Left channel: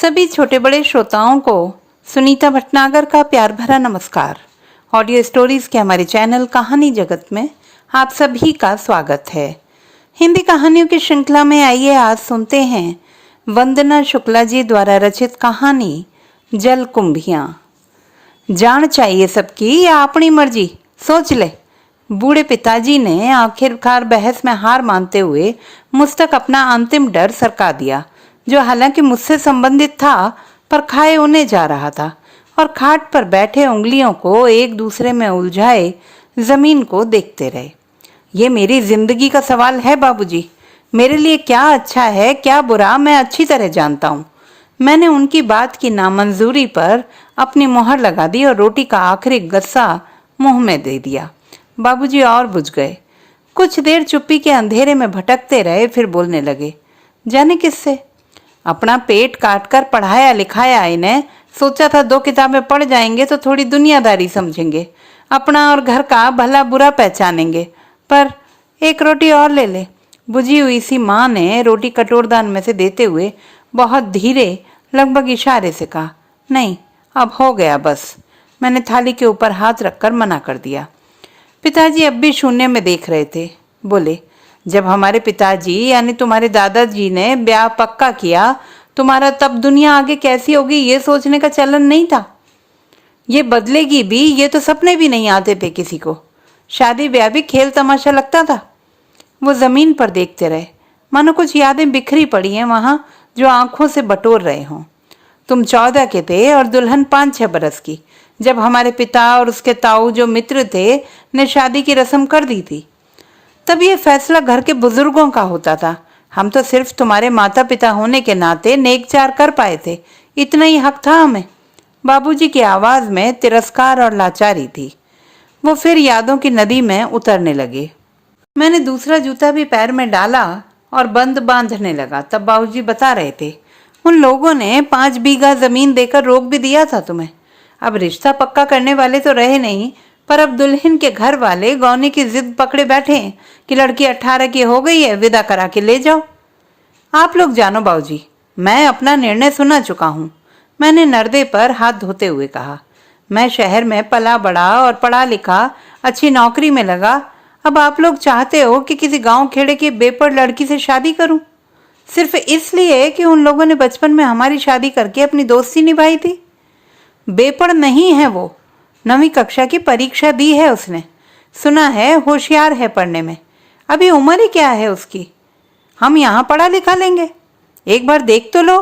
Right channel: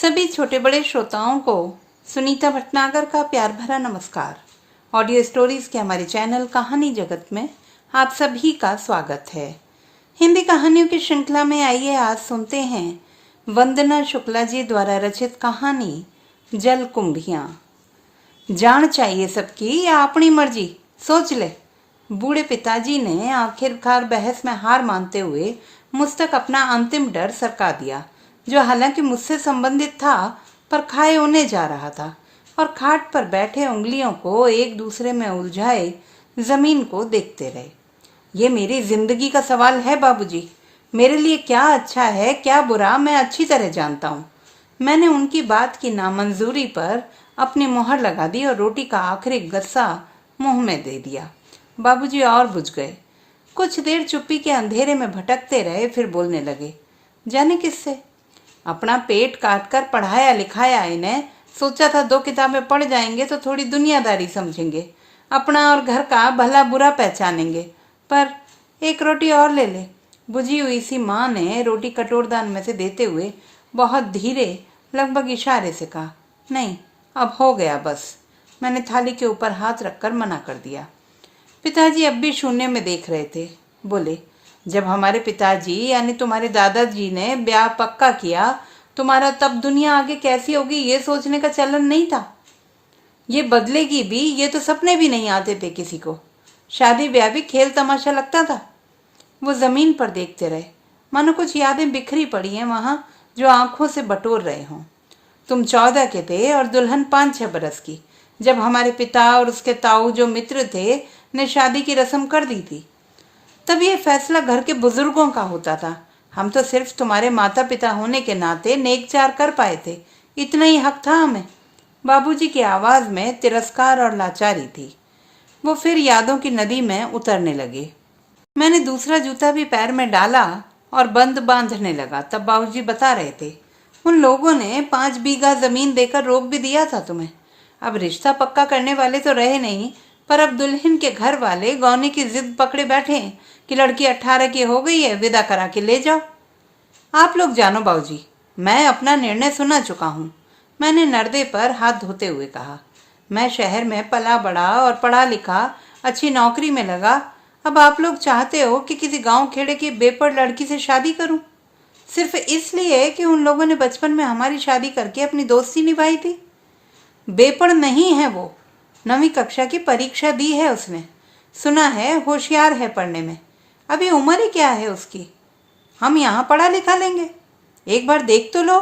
सभी छोटे बड़े श्रोताओं को सुनीता भटनागर का प्यार भरा नमस्कार। ऑडियो स्टोरीज के हमारे चैनल कहानी जगत में आप सभी का स्वागत है। हिंदी कहानियों की श्रृंखला में आइए आज सुनते हैं वंदना शुक्ला जी द्वारा रचित कहानी जल कुंभियां। जान चाहिए सबकी या अपनी मर्जी, सोच ले। बूढ़े पिताजी ने आखिरकार बहस में हार मानते हुए मुझ तक अपना अंतिम डर सरका दिया, जो हालांकि मुझसे संबंधित था पर खाए उन्हें जा रहा था, और खाट पर बैठे उंगलियों को एक दूसरे में उलझाए जमीन को देखते रहे। ये मेरी जिंदगी का सवाल है बाबूजी। मेरे लिए क्या अच्छा है क्या बुरा मैं अच्छी तरह जानता हूँ। मैंने उनकी बात की नामंजूरी पर अपनी मोहर लगा दी और रोटी का आखिरी गस्सा मुंह में दे दिया। बाबूजी और बुझ गए। कुछ देर चुप्पी के अंधेरे में भटकते रहे, फिर बोलने लगे। जाने किससे? अपना पेट काट कर पढ़ाया लिखाया इन्हें। सोचा था 2 किताबें पढ़ जाएंगे तो थोड़ी दुनियादारी समझेंगे, अपना और घर का भला बुरा पहचानेंगे। पर एक रोटी और ले ले। बुझी हुई सी माँ ने रोटी कटोरदान में से देते हुए बहुत धीरे, लगभग इशारे से कहा, नहीं अब हो गया बस। मैंने थाली के ऊपर हाथ रखकर मना कर दिया। पिताजी अब भी शून्य में देख रहे थे। बोले, जब हमारे पिताजी यानी तुम्हारे दादाजी ने ब्याह पक्का किया तुम्हारा, तब दुनिया आगे कैसी होगी ये सोचने का चलन नहीं था। ये बदलेगी भी, ये तो सपने भी नहीं आते थे किसी को। शादी ब्याह भी खेल तमाशा लगता था। वो जमीन पर देखते रहे, मानो कुछ यादें बिखरी पड़ी हैं वहां जो आंखों से बटोर रहे हों। तुम 14 के थे और दुल्हन 5-6 बरस की, जब हमारे पिता और उसके ताऊ जो मित्र थे ने शादी की रस्म कर दी थी। तब ये फैसला घर के बुजुर्गों का होता था। हम तो सिर्फ तुम्हारे माता पिता होने के नाते नेकचार कर पाए थे, इतना ही हक था हमें। बाबूजी की आवाज में तिरस्कार और लाचारी थी। वो फिर यादों की नदी में उतरने लगे। मैंने दूसरा जूता भी पैर में डाला और बंद बांधने लगा। तब बाबूजी बता रहे थे, उन लोगों ने 5 बीघा जमीन देकर रोक भी दिया था तुम्हें। अब रिश्ता पक्का करने वाले तो रहे नहीं, पर अब दुल्हन के घर वाले गौने की जिद पकड़े बैठे हैं कि लड़की 18 की हो गई है, विदा करा के ले जाओ। आप लोग जानो बाबूजी, मैं अपना निर्णय सुना चुका हूँ। मैंने नर्दे पर हाथ धोते हुए कहा, मैं शहर में पला बड़ा और पढ़ा लिखा, अच्छी नौकरी में लगा। अब आप लोग चाहते हो कि किसी गांव खेड़े की बेपढ़ लड़की से शादी करूं, सिर्फ इसलिए कि उन लोगों ने बचपन में हमारी शादी करके अपनी दोस्ती निभाई थी। बेपढ़ नहीं है वो, 9वीं कक्षा की परीक्षा दी है उसने। सुना है होशियार है पढ़ने में। अभी उम्र ही क्या है उसकी। हम यहाँ पढ़ा लिखा लेंगे, एक बार देख तो लो।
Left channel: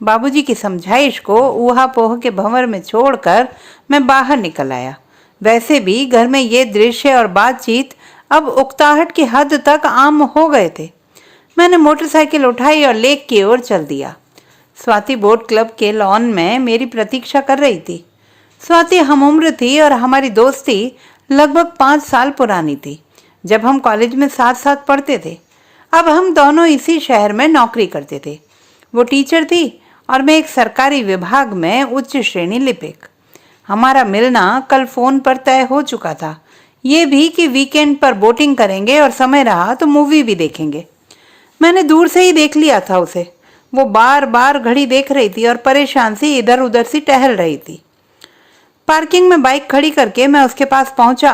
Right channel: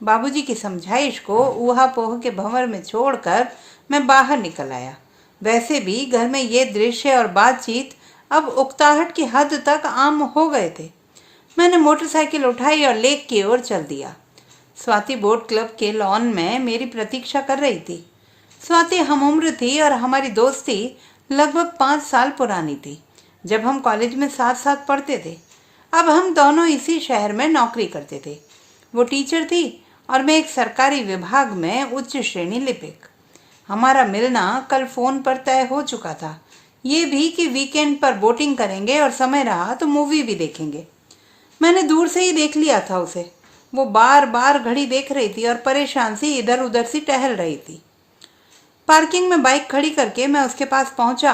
बाबूजी की समझाइश को ऊहापोह के भंवर में छोड़कर मैं बाहर निकल आया। वैसे भी घर में ये दृश्य और बातचीत अब उकताहट की हद तक आम हो गए थे। मैंने मोटरसाइकिल उठाई और लेक की ओर चल दिया। स्वाति बोट क्लब के लॉन में मेरी प्रतीक्षा कर रही थी। स्वाति हमउम्र थी और हमारी दोस्ती लगभग 5 साल पुरानी थी, जब हम कॉलेज में साथ साथ पढ़ते थे। अब हम दोनों इसी शहर में नौकरी करते थे। वो टीचर थी और मैं एक सरकारी विभाग में उच्च श्रेणी लिपिक। हमारा मिलना कल फोन पर तय हो चुका था, ये भी कि वीकेंड पर बोटिंग करेंगे और समय रहा तो मूवी भी देखेंगे। मैंने दूर से ही देख लिया था उसे। वो बार बार घड़ी देख रही थी और परेशान सी इधर उधर सी टहल रही थी। पार्किंग में बाइक खड़ी करके मैं उसके पास पहुंचा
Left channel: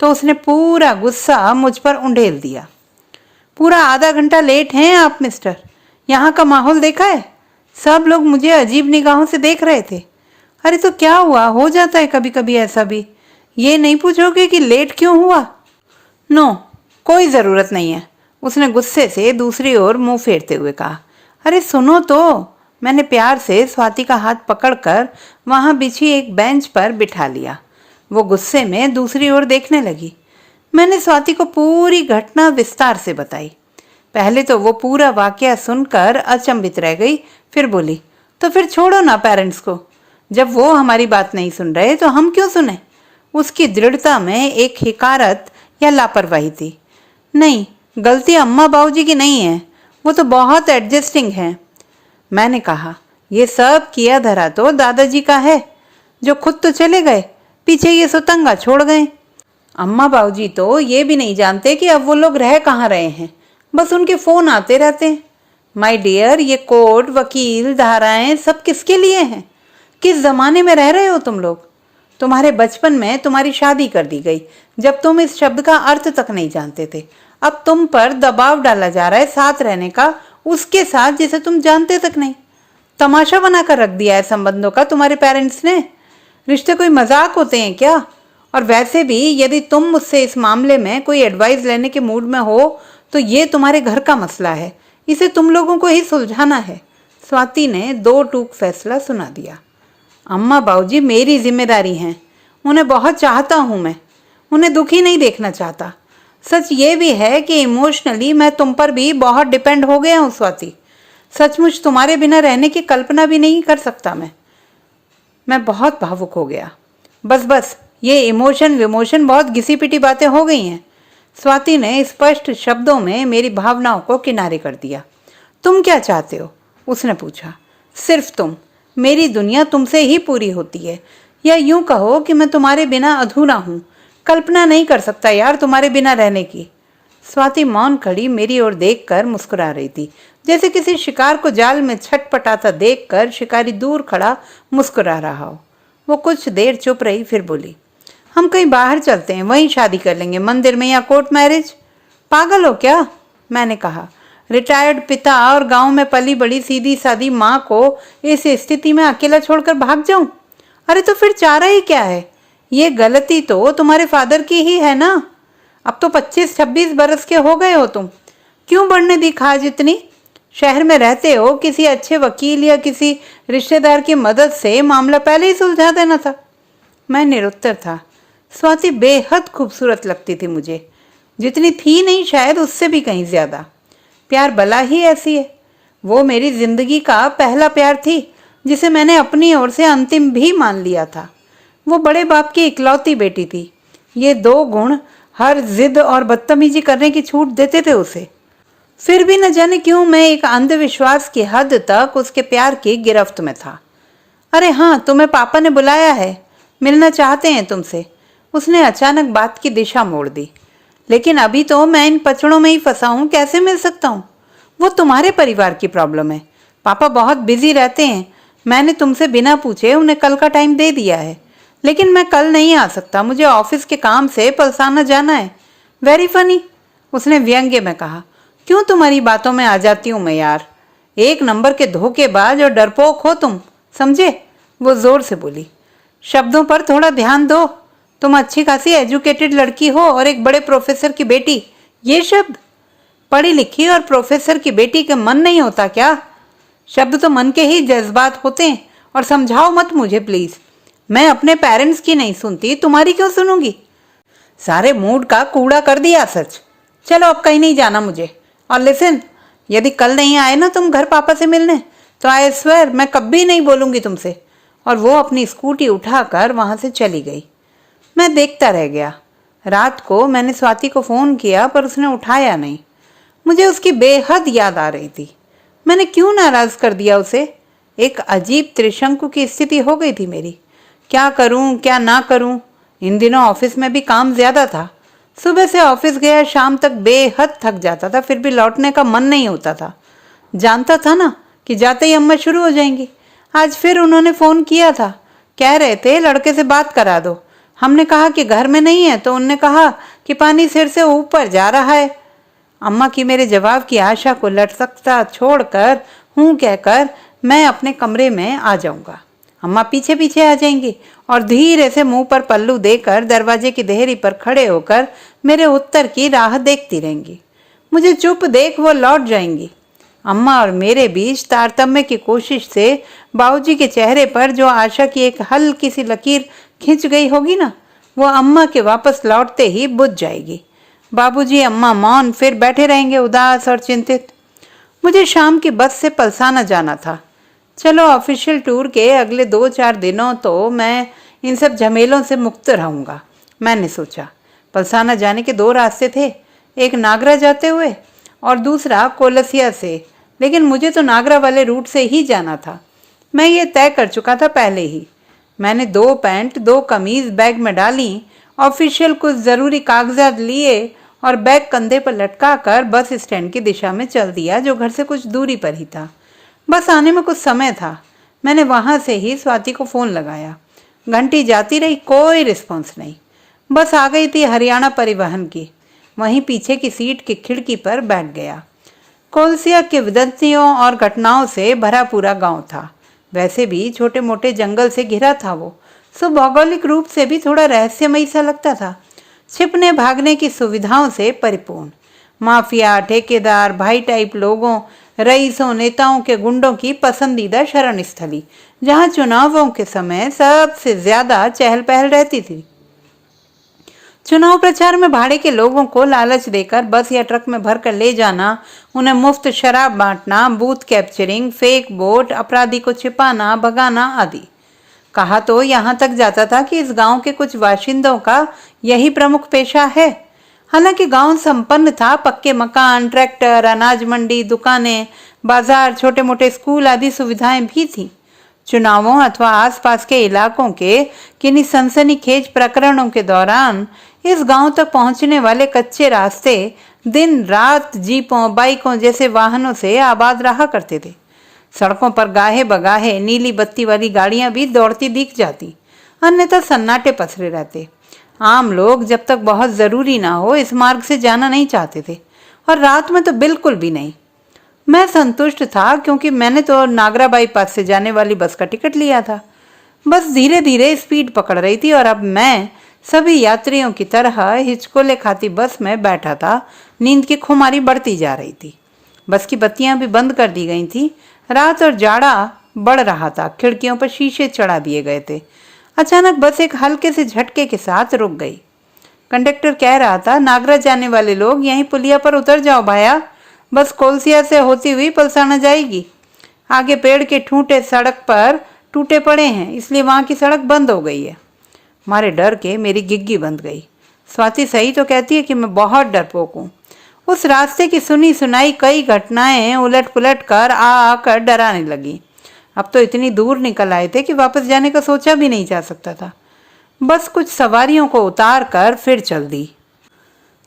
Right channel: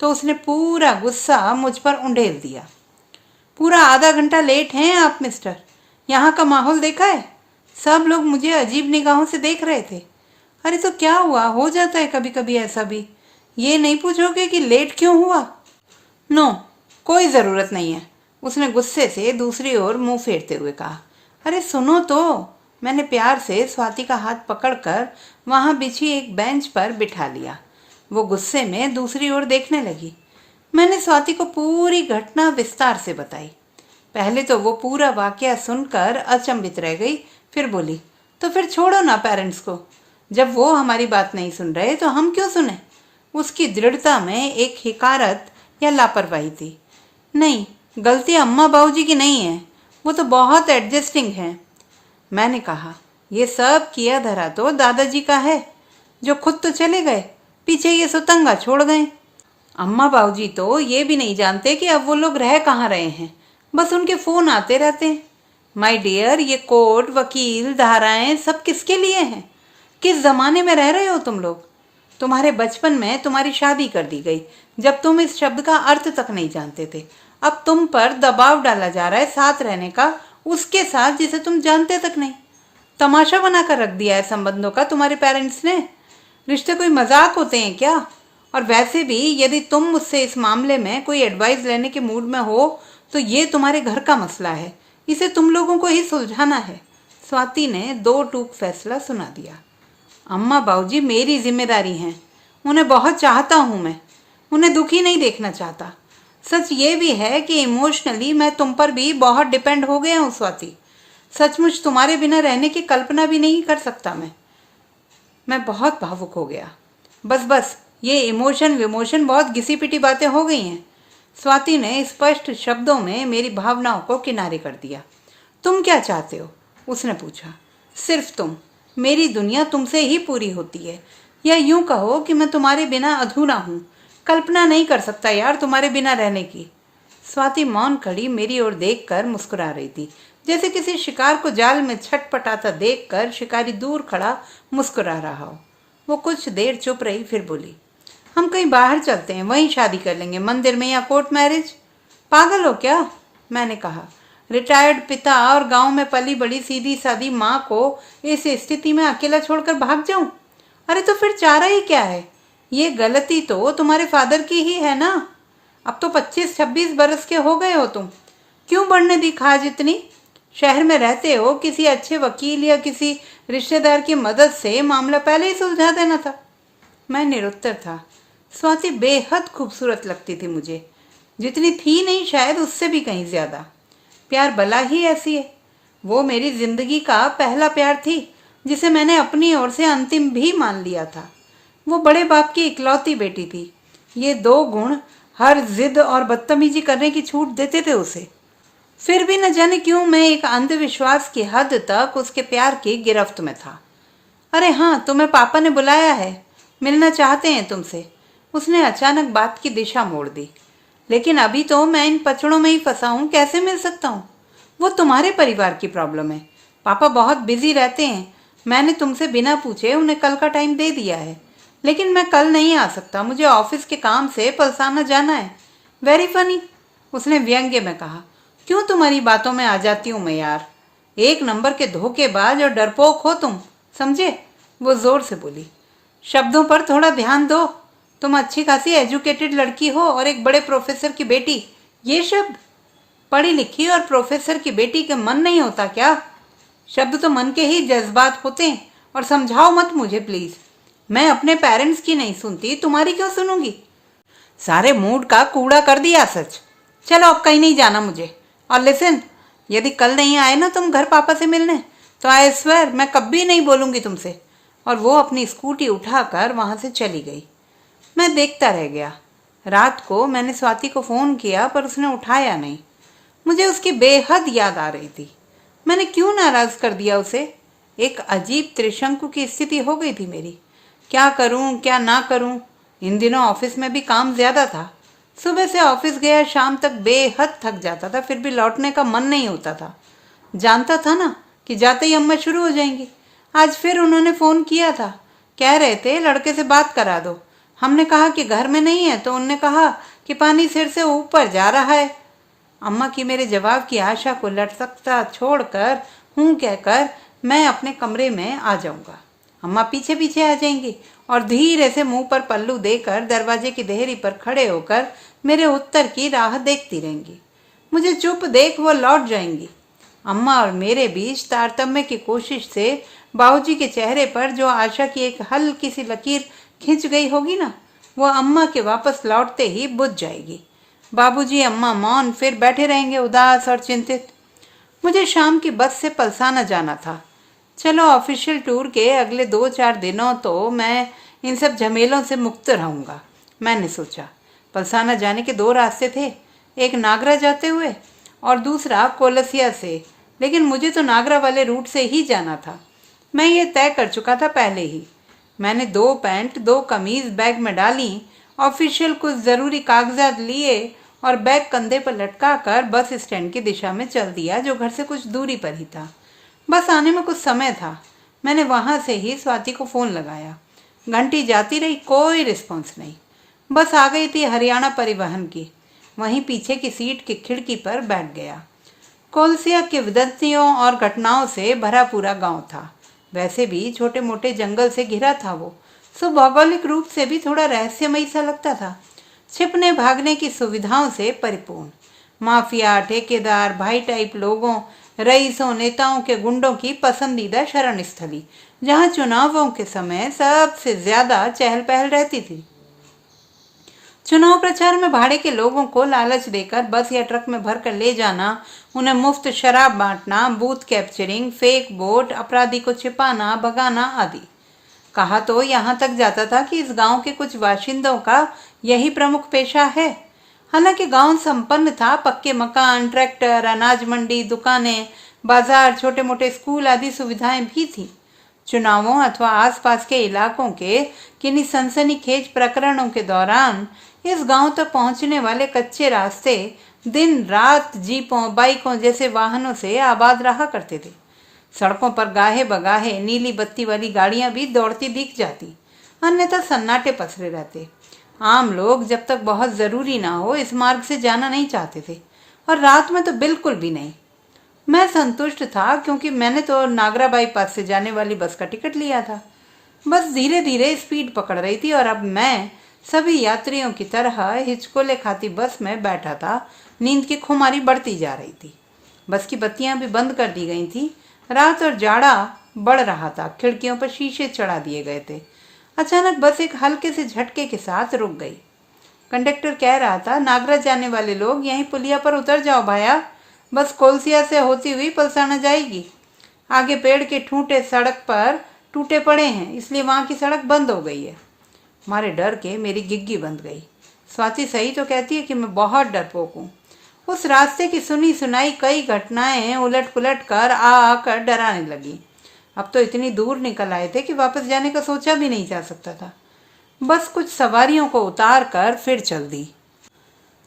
तो उसने पूरा गुस्सा मुझ पर उंडेल दिया। पूरा आधा घंटा लेट हैं आप मिस्टर। यहाँ का माहौल देखा है? सब लोग मुझे अजीब निगाहों से देख रहे थे। अरे तो क्या हुआ, हो जाता है कभी कभी ऐसा भी। ये नहीं पूछोगे कि लेट क्यों हुआ? नो, कोई जरूरत नहीं है, उसने गुस्से से दूसरी ओर मुंह फेरते हुए कहा। अरे सुनो तो। मैंने प्यार से स्वाति का हाथ पकड़कर वहां बिछी एक बेंच पर बिठा लिया। वो गुस्से में दूसरी ओर देखने लगी। मैंने स्वाति को पूरी घटना विस्तार से बताई। पहले तो वो पूरा वाकया सुनकर अचंभित रह गई, फिर बोली, तो फिर छोड़ो ना पेरेंट्स को। जब वो हमारी बात नहीं सुन रहे तो हम क्यों सुने? उसकी दृढ़ता में एक हिकारत या लापरवाही थी। नहीं, गलती अम्मा बाबूजी की नहीं है, वो तो बहुत एडजस्टिंग है। मैंने कहा, ये सब किया धरा तो दादाजी का है, जो खुद तो चले गए, पीछे ये सुतंगा छोड़ गए। अम्मा बाबूजी तो ये भी नहीं जानते कि अब वो लोग रह कहाँ रहे हैं, बस उनके फोन आते रहते हैं। माय डियर, ये कोर्ट, वकील, धाराएं सब किसके लिए हैं? किस जमाने में रह रहे हो तुम लोग? तुम्हारे बचपन में तुम्हारी शादी कर दी गई जब तुम इस शब्द का अर्थ तक नहीं जानते थे। अब तुम पर दबाव डाला जा रहा है साथ रहने का, उसके साथ जिसे तुम जानते तक नहीं। तमाशा बनाकर रख दिया है संबंधों का तुम्हारे पेरेंट्स ने। रिश्ते कोई मजाक होते हैं क्या? और वैसे भी यदि तुम मुझसे इस मामले में कोई एडवाइस लेने के मूड में हो तो ये तुम्हारे घर का मसला है, इसे तुम लोगों को ही सुलझाना है। स्वाति ने दो टूक फैसला सुना दिया। अम्मा बाबूजी मेरी जिम्मेदारी हैं, उन्हें बहुत चाहता हूं मैं, उन्हें दुखी नहीं देखना चाहता। सच ये भी है कि इमोशनली मैं तुम पर भी बहुत डिपेंड हो गया हूं स्वाति। सचमुच तुम्हारे बिना रहने की कल्पना भी नहीं कर सकता मैं बहुत भावुक हो गया। बस बस, ये इमोशन विमोशन बहुत घिसी पिटी बातें हो गई हैं। स्वाति ने स्पष्ट शब्दों में मेरी भावनाओं को किनारे कर दिया। तुम क्या चाहते हो? उसने पूछा। सिर्फ तुम। मेरी दुनिया तुमसे ही पूरी होती है, या यूं कहो कि मैं तुम्हारे बिना अधूरा हूं। कल्पना नहीं कर सकता यार तुम्हारे बिना रहने की। स्वाति मौन खड़ी मेरी ओर देखकर मुस्कुरा रही थी, जैसे किसी शिकार को जाल में छटपटाता देखकर शिकारी दूर खड़ा मुस्कुरा रहा हो। वो कुछ देर चुप रही, फिर बोली, हम कहीं बाहर चलते हैं, वहीं शादी कर लेंगे, मंदिर में या कोर्ट मैरिज। पागल हो क्या? मैंने कहा। रिटायर्ड पिता और गांव में पली बड़ी सीधी सादी माँ को इस स्थिति में अकेला छोड़कर भाग जाऊं? अरे तो फिर चारा ही क्या है? ये गलती तो तुम्हारे फादर की ही है ना। अब तो 25-26 बरस के हो गए हो तुम, क्यों बढ़ने दी खाज इतनी? शहर में रहते हो, किसी अच्छे वकील या किसी रिश्तेदार की मदद से मामला पहले ही सुलझा देना था। मैं निरुत्तर था। स्वाति बेहद खूबसूरत लगती थी मुझे, जितनी थी नहीं शायद उससे भी कहीं ज्यादा। प्यार बला ही ऐसी है। वो मेरी जिंदगी का पहला प्यार थी, जिसे मैंने अपनी ओर से अंतिम भी मान लिया था। वो बड़े बाप की इकलौती बेटी थी। ये दो गुण हर जिद और बदतमीजी करने की छूट देते थे उसे। फिर भी न जाने क्यों मैं एक अंधविश्वास की हद तक उसके प्यार की गिरफ्त में था। अरे हाँ, तुम्हें पापा ने बुलाया है, मिलना चाहते हैं तुमसे। उसने अचानक बात की दिशा मोड़ दी। लेकिन अभी तो मैं इन पचड़ों में ही फंसा हूं, कैसे मिल सकता हूं? वो तुम्हारे परिवार की प्रॉब्लम है। पापा बहुत बिजी रहते हैं। मैंने तुमसे बिना पूछे उन्हें कल का टाइम दे दिया है, लेकिन मैं कल नहीं आ सकता, मुझे ऑफिस के काम से पलसाना जाना है। वेरी फनी, उसने व्यंग्य में कहा। क्यों तुम्हारी बातों में आ जाती हूं मैं यार। एक नंबर के धोखेबाज और डरपोक हो तुम, समझे? वो जोर से बोली। शब्दों पर थोड़ा ध्यान दो। तुम अच्छी खासी एजुकेटेड लड़की हो और एक बड़े प्रोफेसर की बेटी। ये शब्द? पढ़ी लिखी और प्रोफेसर की बेटी के मन नहीं होता क्या? शब्द तो मन के ही जज्बात होते हैं। और समझाओ मत मुझे प्लीज। मैं अपने पेरेंट्स की नहीं सुनती, तुम्हारी क्यों सुनूंगी? सारे मूड का कूड़ा कर दिया सच। चलो अब कहीं नहीं जाना मुझे। और लिसन, यदि कल नहीं आए ना तुम घर पापा से मिलने, तो आई स्वेयर मैं कभी नहीं बोलूंगी तुमसे। और वो अपनी स्कूटी उठाकर वहां से चली गई। मैं देखता रह गया। रात को मैंने स्वाति को फोन किया पर उसने उठाया नहीं। मुझे उसकी बेहद याद आ रही थी। मैंने क्यों नाराज कर दिया उसे? एक अजीब त्रिशंकु की स्थिति हो गई थी मेरी। क्या करूं क्या ना करूं? इन दिनों ऑफिस में भी काम ज्यादा था। सुबह से ऑफिस गया, शाम तक बेहद थक जाता था, फिर भी लौटने का मन नहीं होता था। जानता था ना कि जाते ही अम्मा शुरू हो जाएंगी। आज फिर उन्होंने फोन किया था, कह रहे थे लड़के से बात करा दो। हमने कहा कि घर में नहीं है, तो उन्होंने कहा कि पानी सिर से ऊपर जा रहा है। अम्मा की मेरे जवाब की आशा को लटकता छोड़कर हूं कहकर मैं अपने कमरे में आ जाऊंगा। अम्मा पीछे पीछे आ जाएंगी और धीरे से मुंह पर पल्लू देकर दरवाजे की देहरी पर खड़े होकर मेरे उत्तर की राह देखती रहेंगी। मुझे चुप देख वो लौट जाएंगी। अम्मा और मेरे बीच तारतम्य की कोशिश से बाबूजी के चेहरे पर जो आशा की एक हल्की सी लकीर खिंच गई होगी ना, वो अम्मा के वापस लौटते ही बुझ जाएगी। बाबूजी अम्मा मौन फिर बैठे रहेंगे, उदास और चिंतित। मुझे शाम की बस से पलसाना जाना था। चलो ऑफिशियल टूर के अगले 2-4 दिनों तो मैं इन सब झमेलों से मुक्त रहूंगा, मैंने सोचा। पलसाना जाने के 2 रास्ते थे, एक नागरा जाते हुए और दूसरा कोलसिया से, लेकिन मुझे तो नागरा वाले रूट से ही जाना था। मैं ये तय कर चुका था पहले ही। मैंने 2 पैंट 2 कमीज बैग में डाली, ऑफिशियल कुछ ज़रूरी कागजात लिए और बैग कंधे पर लटका कर बस स्टैंड की दिशा में चल दिया, जो घर से कुछ दूरी पर ही था। बस आने में कुछ समय था। मैंने वहां से ही स्वाति को फोन लगाया। घंटी जाती रही, कोई रिस्पॉन्स नहीं। बस आ गई थी हरियाणा परिवहन की। वहीं पीछे की सीट की खिड़की पर बैठ गया। कोलसिया के विदंतियों और घटनाओं से भरा पूरा गांव था। वैसे भी छोटे मोटे जंगल से घिरा था वो, सो भौगोलिक रूप से भी थोड़ा रहस्यमयी सा लगता था। छिपने भागने की सुविधाओं से परिपूर्ण। माफिया, ठेकेदार, भाई टाइप लोगों, रईसों, नेताओं के गुंडों की पसंदीदा शरण स्थली, जहां चुनावों के समय सबसे ज्यादा चहल पहल रहती थी। चुनाव प्रचार में भाड़े के लोगों को लालच देकर बस या ट्रक में भरकर ले जाना, उन्हें मुफ्त शराब बांटना, बूथ कैप्चरिंग, फेक वोट, अपराधी को छिपाना, भगाना आदि। कहा तो यहाँ तक जाता था कि इस गांव के कुछ बाशिंदों का यही प्रमुख पेशा है। हालांकि गांव संपन्न था, पक्के मकान, ट्रैक्टर, अनाज मंडी, दुकानें, बाजार, छोटे मोटे स्कूल आदि सुविधाएं भी थी। चुनावों अथवा आसपास के इलाकों के किन्हीं सनसनीखेज प्रकरणों के दौरान इस गांव तक पहुंचने वाले कच्चे रास्ते दिन रात जीपों, बाइकों जैसे वाहनों से आबाद रहा करते थे। सड़कों पर गाहे बगाहे नीली बत्ती वाली गाड़ियां भी दौड़ती दिख जाती, अन्यथा सन्नाटे पसरे रहते। आम लोग जब तक बहुत जरूरी ना हो इस मार्ग से जाना नहीं चाहते थे, और रात में तो बिल्कुल भी नहीं। मैं संतुष्ट था, क्योंकि मैंने तो नागरा बाईपास से जाने वाली बस का टिकट लिया था। बस धीरे धीरे स्पीड पकड़ रही थी और अब मैं सभी यात्रियों की तरह हिचकोले खाती बस में बैठा था। नींद की खुमारी बढ़ती जा रही थी। बस की बत्तियां भी बंद कर दी गई थी। रात और जाड़ा बढ़ रहा था। खिड़कियों पर शीशे चढ़ा दिए गए थे। अचानक बस एक हल्के से झटके के साथ रुक गई। कंडक्टर कह रहा था, नागरा जाने वाले लोग यहीं पुलिया पर उतर जाओ भाया, बस कोलसिया से होती हुई पलसाना जाएगी। आगे पेड़ के ठूंठे सड़क पर टूटे पड़े हैं, इसलिए वहां की सड़क बंद हो गई है। मारे डर के मेरी गिग्गी बंद गई। स्वाति सही तो कहती है कि मैं बहुत डरपोक हूँ। उस रास्ते की सुनी सुनाई कई घटनाएं उलट पुलट कर आकर डराने लगी। अब तो इतनी दूर निकल आए थे कि वापस जाने का सोचा भी नहीं जा सकता था। बस कुछ सवारियों को उतार कर फिर चल दी।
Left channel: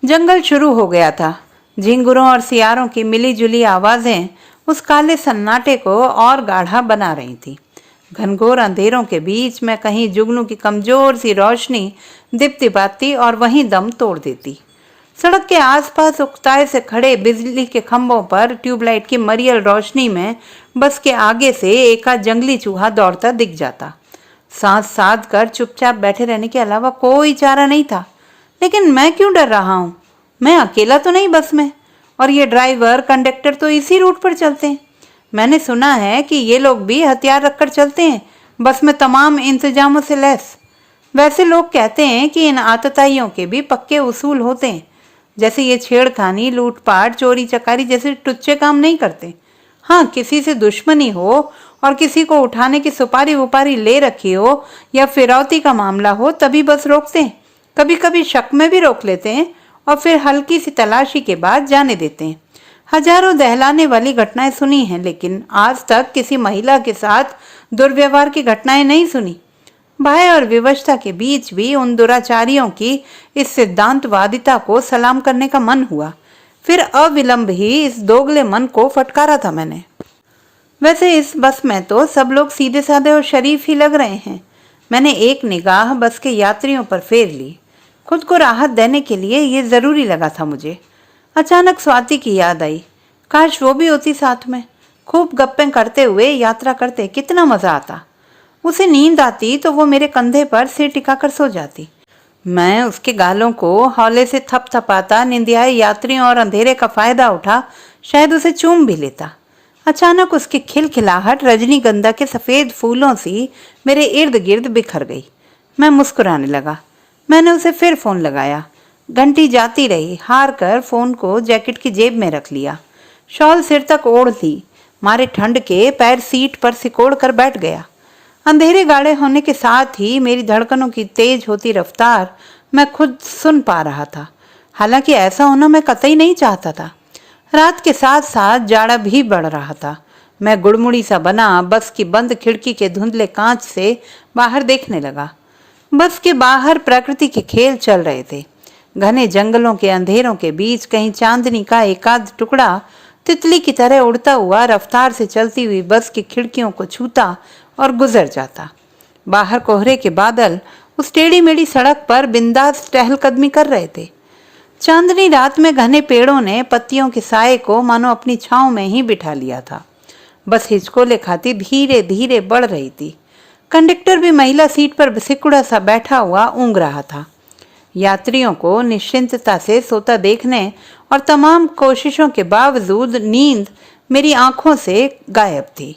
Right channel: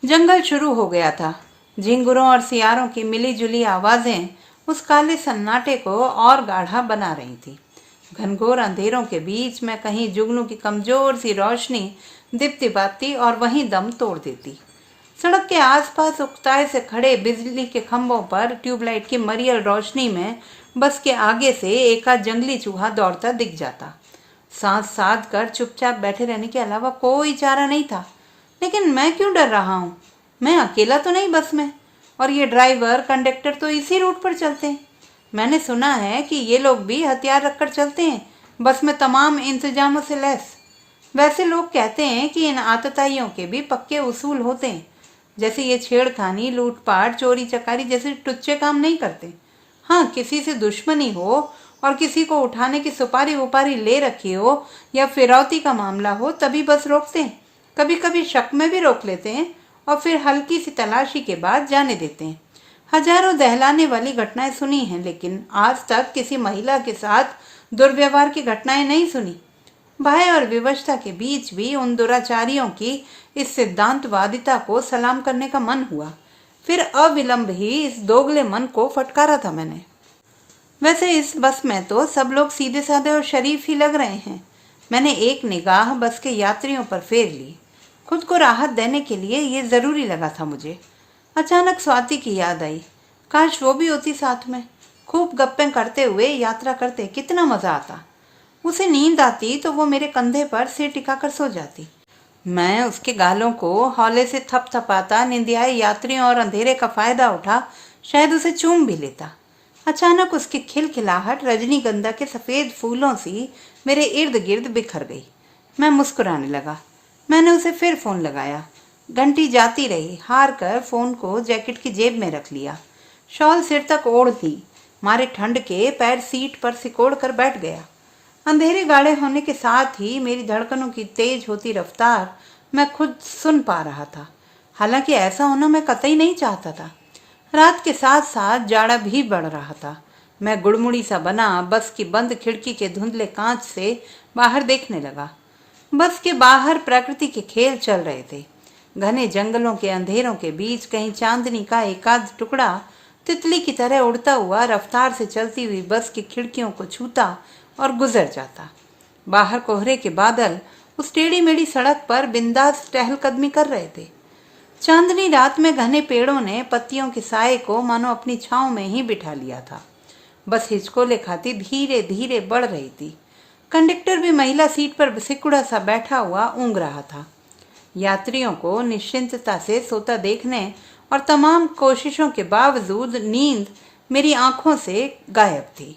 जंगल शुरू हो गया था। झिंगुरों और सियारों की मिली जुली आवाजें उस काले सन्नाटे को और गाढ़ा बना रही थी। घनघोर अंधेरों के बीच में कहीं जुगनू की कमजोर सी रोशनी दीप्ति पाती और वहीं दम तोड़ देती। सड़क के आसपास उकताए से खड़े बिजली के खंभों पर ट्यूबलाइट की मरियल रोशनी में बस के आगे से एकाध जंगली चूहा दौड़ता दिख जाता। सांस साध कर चुपचाप बैठे रहने के अलावा कोई चारा नहीं था। लेकिन मैं क्यों डर रहा हूँ? मैं अकेला तो नहीं बस में, और ये ड्राइवर कंडक्टर तो इसी रूट पर चलते हैं। मैंने सुना है कि ये लोग भी हथियार रखकर चलते हैं, बस में तमाम इंतजामों से लैस। वैसे लोग कहते हैं कि इन आतताइयों के भी पक्के उसूल होते हैं, जैसे ये छेड़खानी, लूटपाट, चोरी चकारी जैसे टुच्चे काम नहीं करते। हाँ, किसी से दुश्मनी हो और किसी को उठाने की सुपारी वुपारी ले रखी हो या फिरौती का मामला हो तभी बस रोकते हैं। कभी कभी शक में भी रोक लेते हैं और फिर हल्की सी तलाशी के बाद जाने देते हैं। हजारों दहलाने वाली घटनाएं सुनी हैं, लेकिन आज तक किसी महिला के साथ दुर्व्यवहार की घटनाएं नहीं सुनी। भय और विवशता के बीच भी उन दुराचारियों की इस सिद्धांतवादिता को सलाम करने का मन हुआ। फिर अविलंब ही इस दोगले मन को फटकारा था मैंने। वैसे इस बस में तो सब लोग सीधे साधे और शरीफ ही लग रहे हैं। मैंने एक निगाह बस के यात्रियों पर फेर ली। खुद को राहत देने के लिए ये जरूरी लगा था मुझे। अचानक स्वाति की याद आई। काश वो भी होती साथ में। खूब गप्पें करते हुए यात्रा करते, कितना मजा आता। उसे नींद आती तो वो मेरे कंधे पर सिर टिकाकर सो जाती। मैं उसके गालों को हौले से थपथपाता, निंदियाए यात्रियों और अंधेरे का फायदा उठा शायद उसे चूम भी लेता। अचानक उसकी खिलखिलाहट रजनीगंधा के सफेद फूलों सी मेरे इर्द गिर्द बिखर गई। मैं मुस्कुराने लगा। मैंने उसे फिर फोन लगाया। घंटी जाती रही। हार कर फोन को जैकेट की जेब में रख लिया। शॉल सिर तक ओढ़ ली। मारे ठंड के पैर सीट पर सिकोड़ कर बैठ गया। अंधेरे गाढ़े होने के साथ ही मेरी धड़कनों की तेज होती रफ्तार मैं खुद सुन पा रहा था। हालांकि ऐसा होना मैं कतई नहीं चाहता था। रात के साथ साथ जाड़ा भी बढ़ रहा था। मैं गुड़मुड़ी सा बना बस की बंद खिड़की के धुंधले कांच से बाहर देखने लगा। बस के बाहर प्रकृति के खेल चल रहे थे। घने जंगलों के अंधेरों के बीच कहीं चांदनी का एकाध टुकड़ा तितली की तरह उड़ता हुआ रफ्तार से चलती हुई बस की खिड़कियों को छूता और गुजर जाता। बाहर कोहरे के बादल उस टेढ़ी मेढ़ी सड़क पर बिंदास टहलकदमी कर रहे थे। चांदनी रात में घने पेड़ों ने पत्तियों के साए को मानो अपनी छांव में ही बिठा लिया था। बस हिचकोले खाती धीरे धीरे बढ़ रही थी। कंडक्टर भी महिला सीट पर सिकुड़ा सा बैठा हुआ ऊँग रहा था। यात्रियों को निश्चिंतता से सोता देखने और तमाम कोशिशों के बावजूद नींद मेरी आंखों से गायब थी।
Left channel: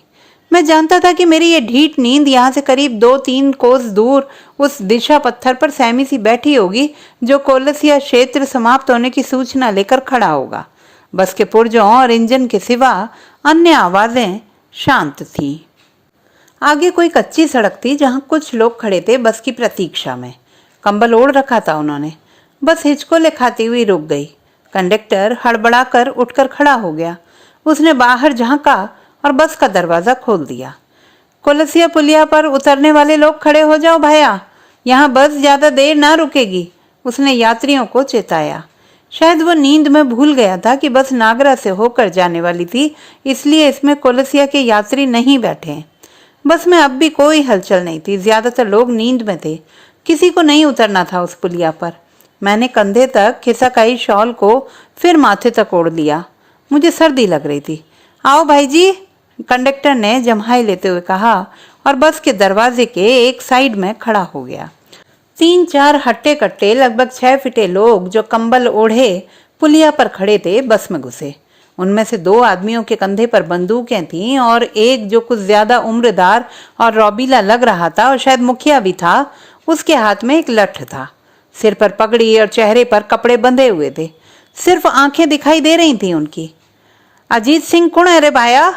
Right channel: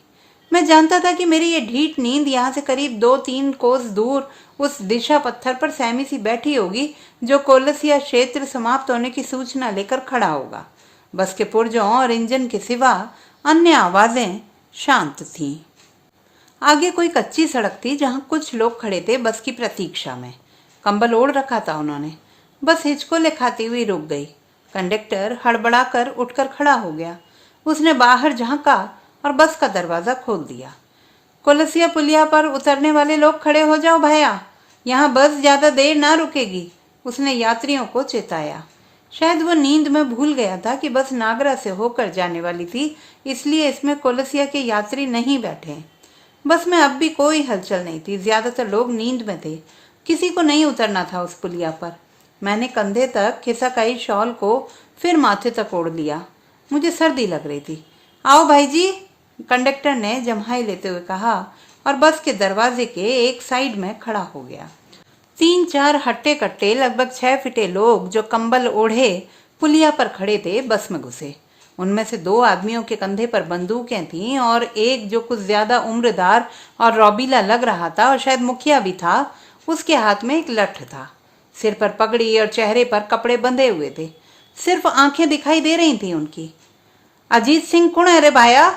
मैं जानता था कि मेरी ये ढीठ नींद यहाँ से करीब 2-3 कोस दूर उस दिशा पत्थर पर सहमी सी बैठी होगी जो कोलसिया क्षेत्र समाप्त होने की सूचना लेकर खड़ा होगा। बस के पुर्जों और इंजन के सिवा अन्य आवाजें शांत थीं। आगे कोई कच्ची सड़क थी जहां कुछ लोग खड़े थे बस की प्रतीक्षा में। कंबल ओढ़ रखा था उन्होंने। बस हिचकोले खाती हुई रुक गई। कंडक्टर हड़बड़ाकर उठकर खड़ा हो गया। उसने बाहर झांका और बस का दरवाजा खोल दिया। कोलसिया पुलिया पर उतरने वाले लोग खड़े हो जाओ भैया, यहाँ बस ज्यादा देर ना रुकेगी, उसने यात्रियों को चेताया। शायद वो नींद में भूल गया था कि बस नागरा से होकर जाने वाली थी, इसलिए इसमें कोलसिया के यात्री नहीं बैठे। बस में अब भी कोई हलचल नहीं थी। ज्यादातर लोग नींद में थे। किसी को नहीं उतरना था उस पुलिया पर। मैंने कंधे तक खिसकाई शॉल को फिर माथे तक ओढ़ लिया। मुझे सर्दी लग रही थी। आओ भाई जी, कंडक्टर ने जम्हाई लेते हुए कहा और बस के दरवाजे के एक साइड में खड़ा हो गया। 3-4 हट्टे कट्टे लगभग 6 फीटे लोग जो कंबल ओढ़े पुलिया पर खड़े थे बस में घुसे। उनमें से 2 आदमियों के कंधे पर बंदूकें थीं और एक जो कुछ ज्यादा उम्रदार और रौबीला लग रहा था और शायद मुखिया भी था, उसके हाथ में एक लठ था। सिर पर पगड़ी और चेहरे पर कपड़े बंधे हुए थे। सिर्फ आंखें दिखाई दे रही थी उनकी। अजीत सिंह कौन है रे भाया?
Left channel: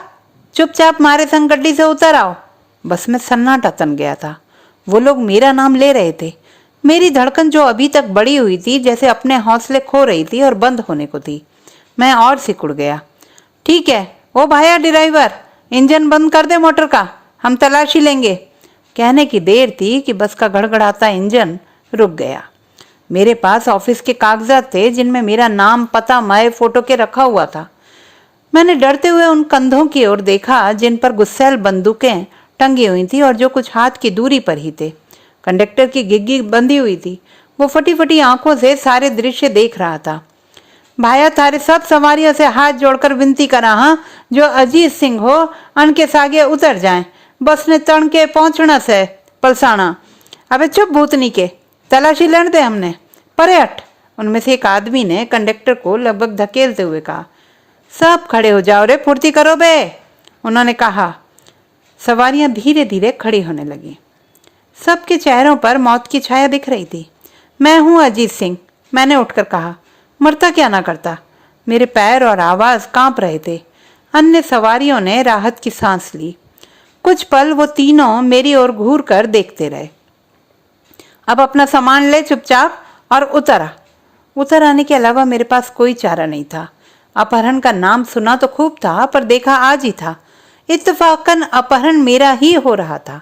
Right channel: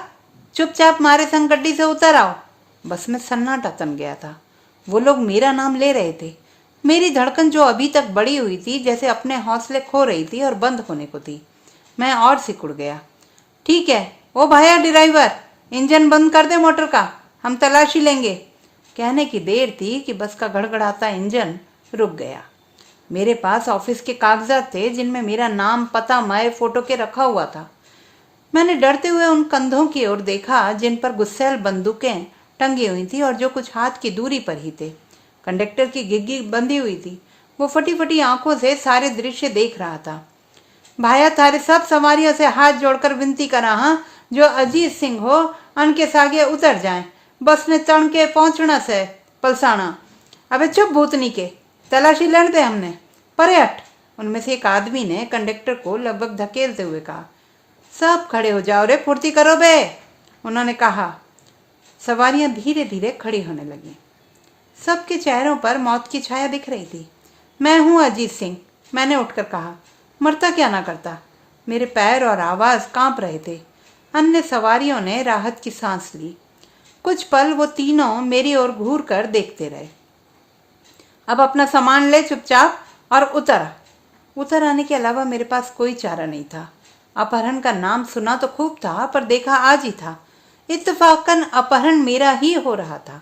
चुपचाप मारे संग गड्डी से उतर आओ। बस में सन्नाटा तन गया था। वो लोग मेरा नाम ले रहे थे। मेरी धड़कन जो अभी तक बढ़ी हुई थी जैसे अपने हौसले खो रही थी और बंद होने को थी। मैं और सिकुड़ गया। ठीक है ओ भाया ड्राइवर, इंजन बंद कर दे मोटर का, हम तलाशी लेंगे। कहने की देर थी कि बस का गड़गड़ाता इंजन रुक गया। मेरे पास ऑफिस के कागजात थे जिनमें मेरा नाम, पता, मैं फोटो के रखा हुआ था। मैंने डरते हुए उन कंधों की ओर देखा जिन पर गुस्सैल बंदूकें टंगी हुई थी और जो कुछ हाथ की दूरी पर ही थे। कंडक्टर की गिग्गी बंधी हुई थी। वो फटी फटी आंखों से सारे दृश्य देख रहा था। भाया थारे सब सवारियों से हाथ जोड़कर विनती करा हाँ, जो अजीत सिंह हो अनके सागे उतर जाएं। बस ने तण के पहुंचना से पलसाना। अबे चुप भूतनी के, तलाशी लेने दे हमने, परे हट। उनमें से एक आदमी ने कंडक्टर को लगभग धकेलते हुए कहा। सब खड़े हो जाओ रे, फुर्ती करो बे, उन्होंने कहा। सवारियां धीरे धीरे खड़ी होने लगी। सबके चेहरों पर मौत की छाया दिख रही थी। मैं हूं अजीत सिंह, मैंने उठकर कहा। मरता क्या ना करता। मेरे पैर और आवाज कांप रहे थे। अन्य सवारियों ने राहत की सांस ली। कुछ पल वो तीनों मेरी ओर घूर कर देखते रहे। अब अपना सामान ले चुपचाप और उतर आने के अलावा मेरे पास कोई चारा नहीं था। अपहरण का नाम सुना तो खूब था, पर देखा आज ही था। इत्तेफाकन अपहरण मेरा ही हो रहा था।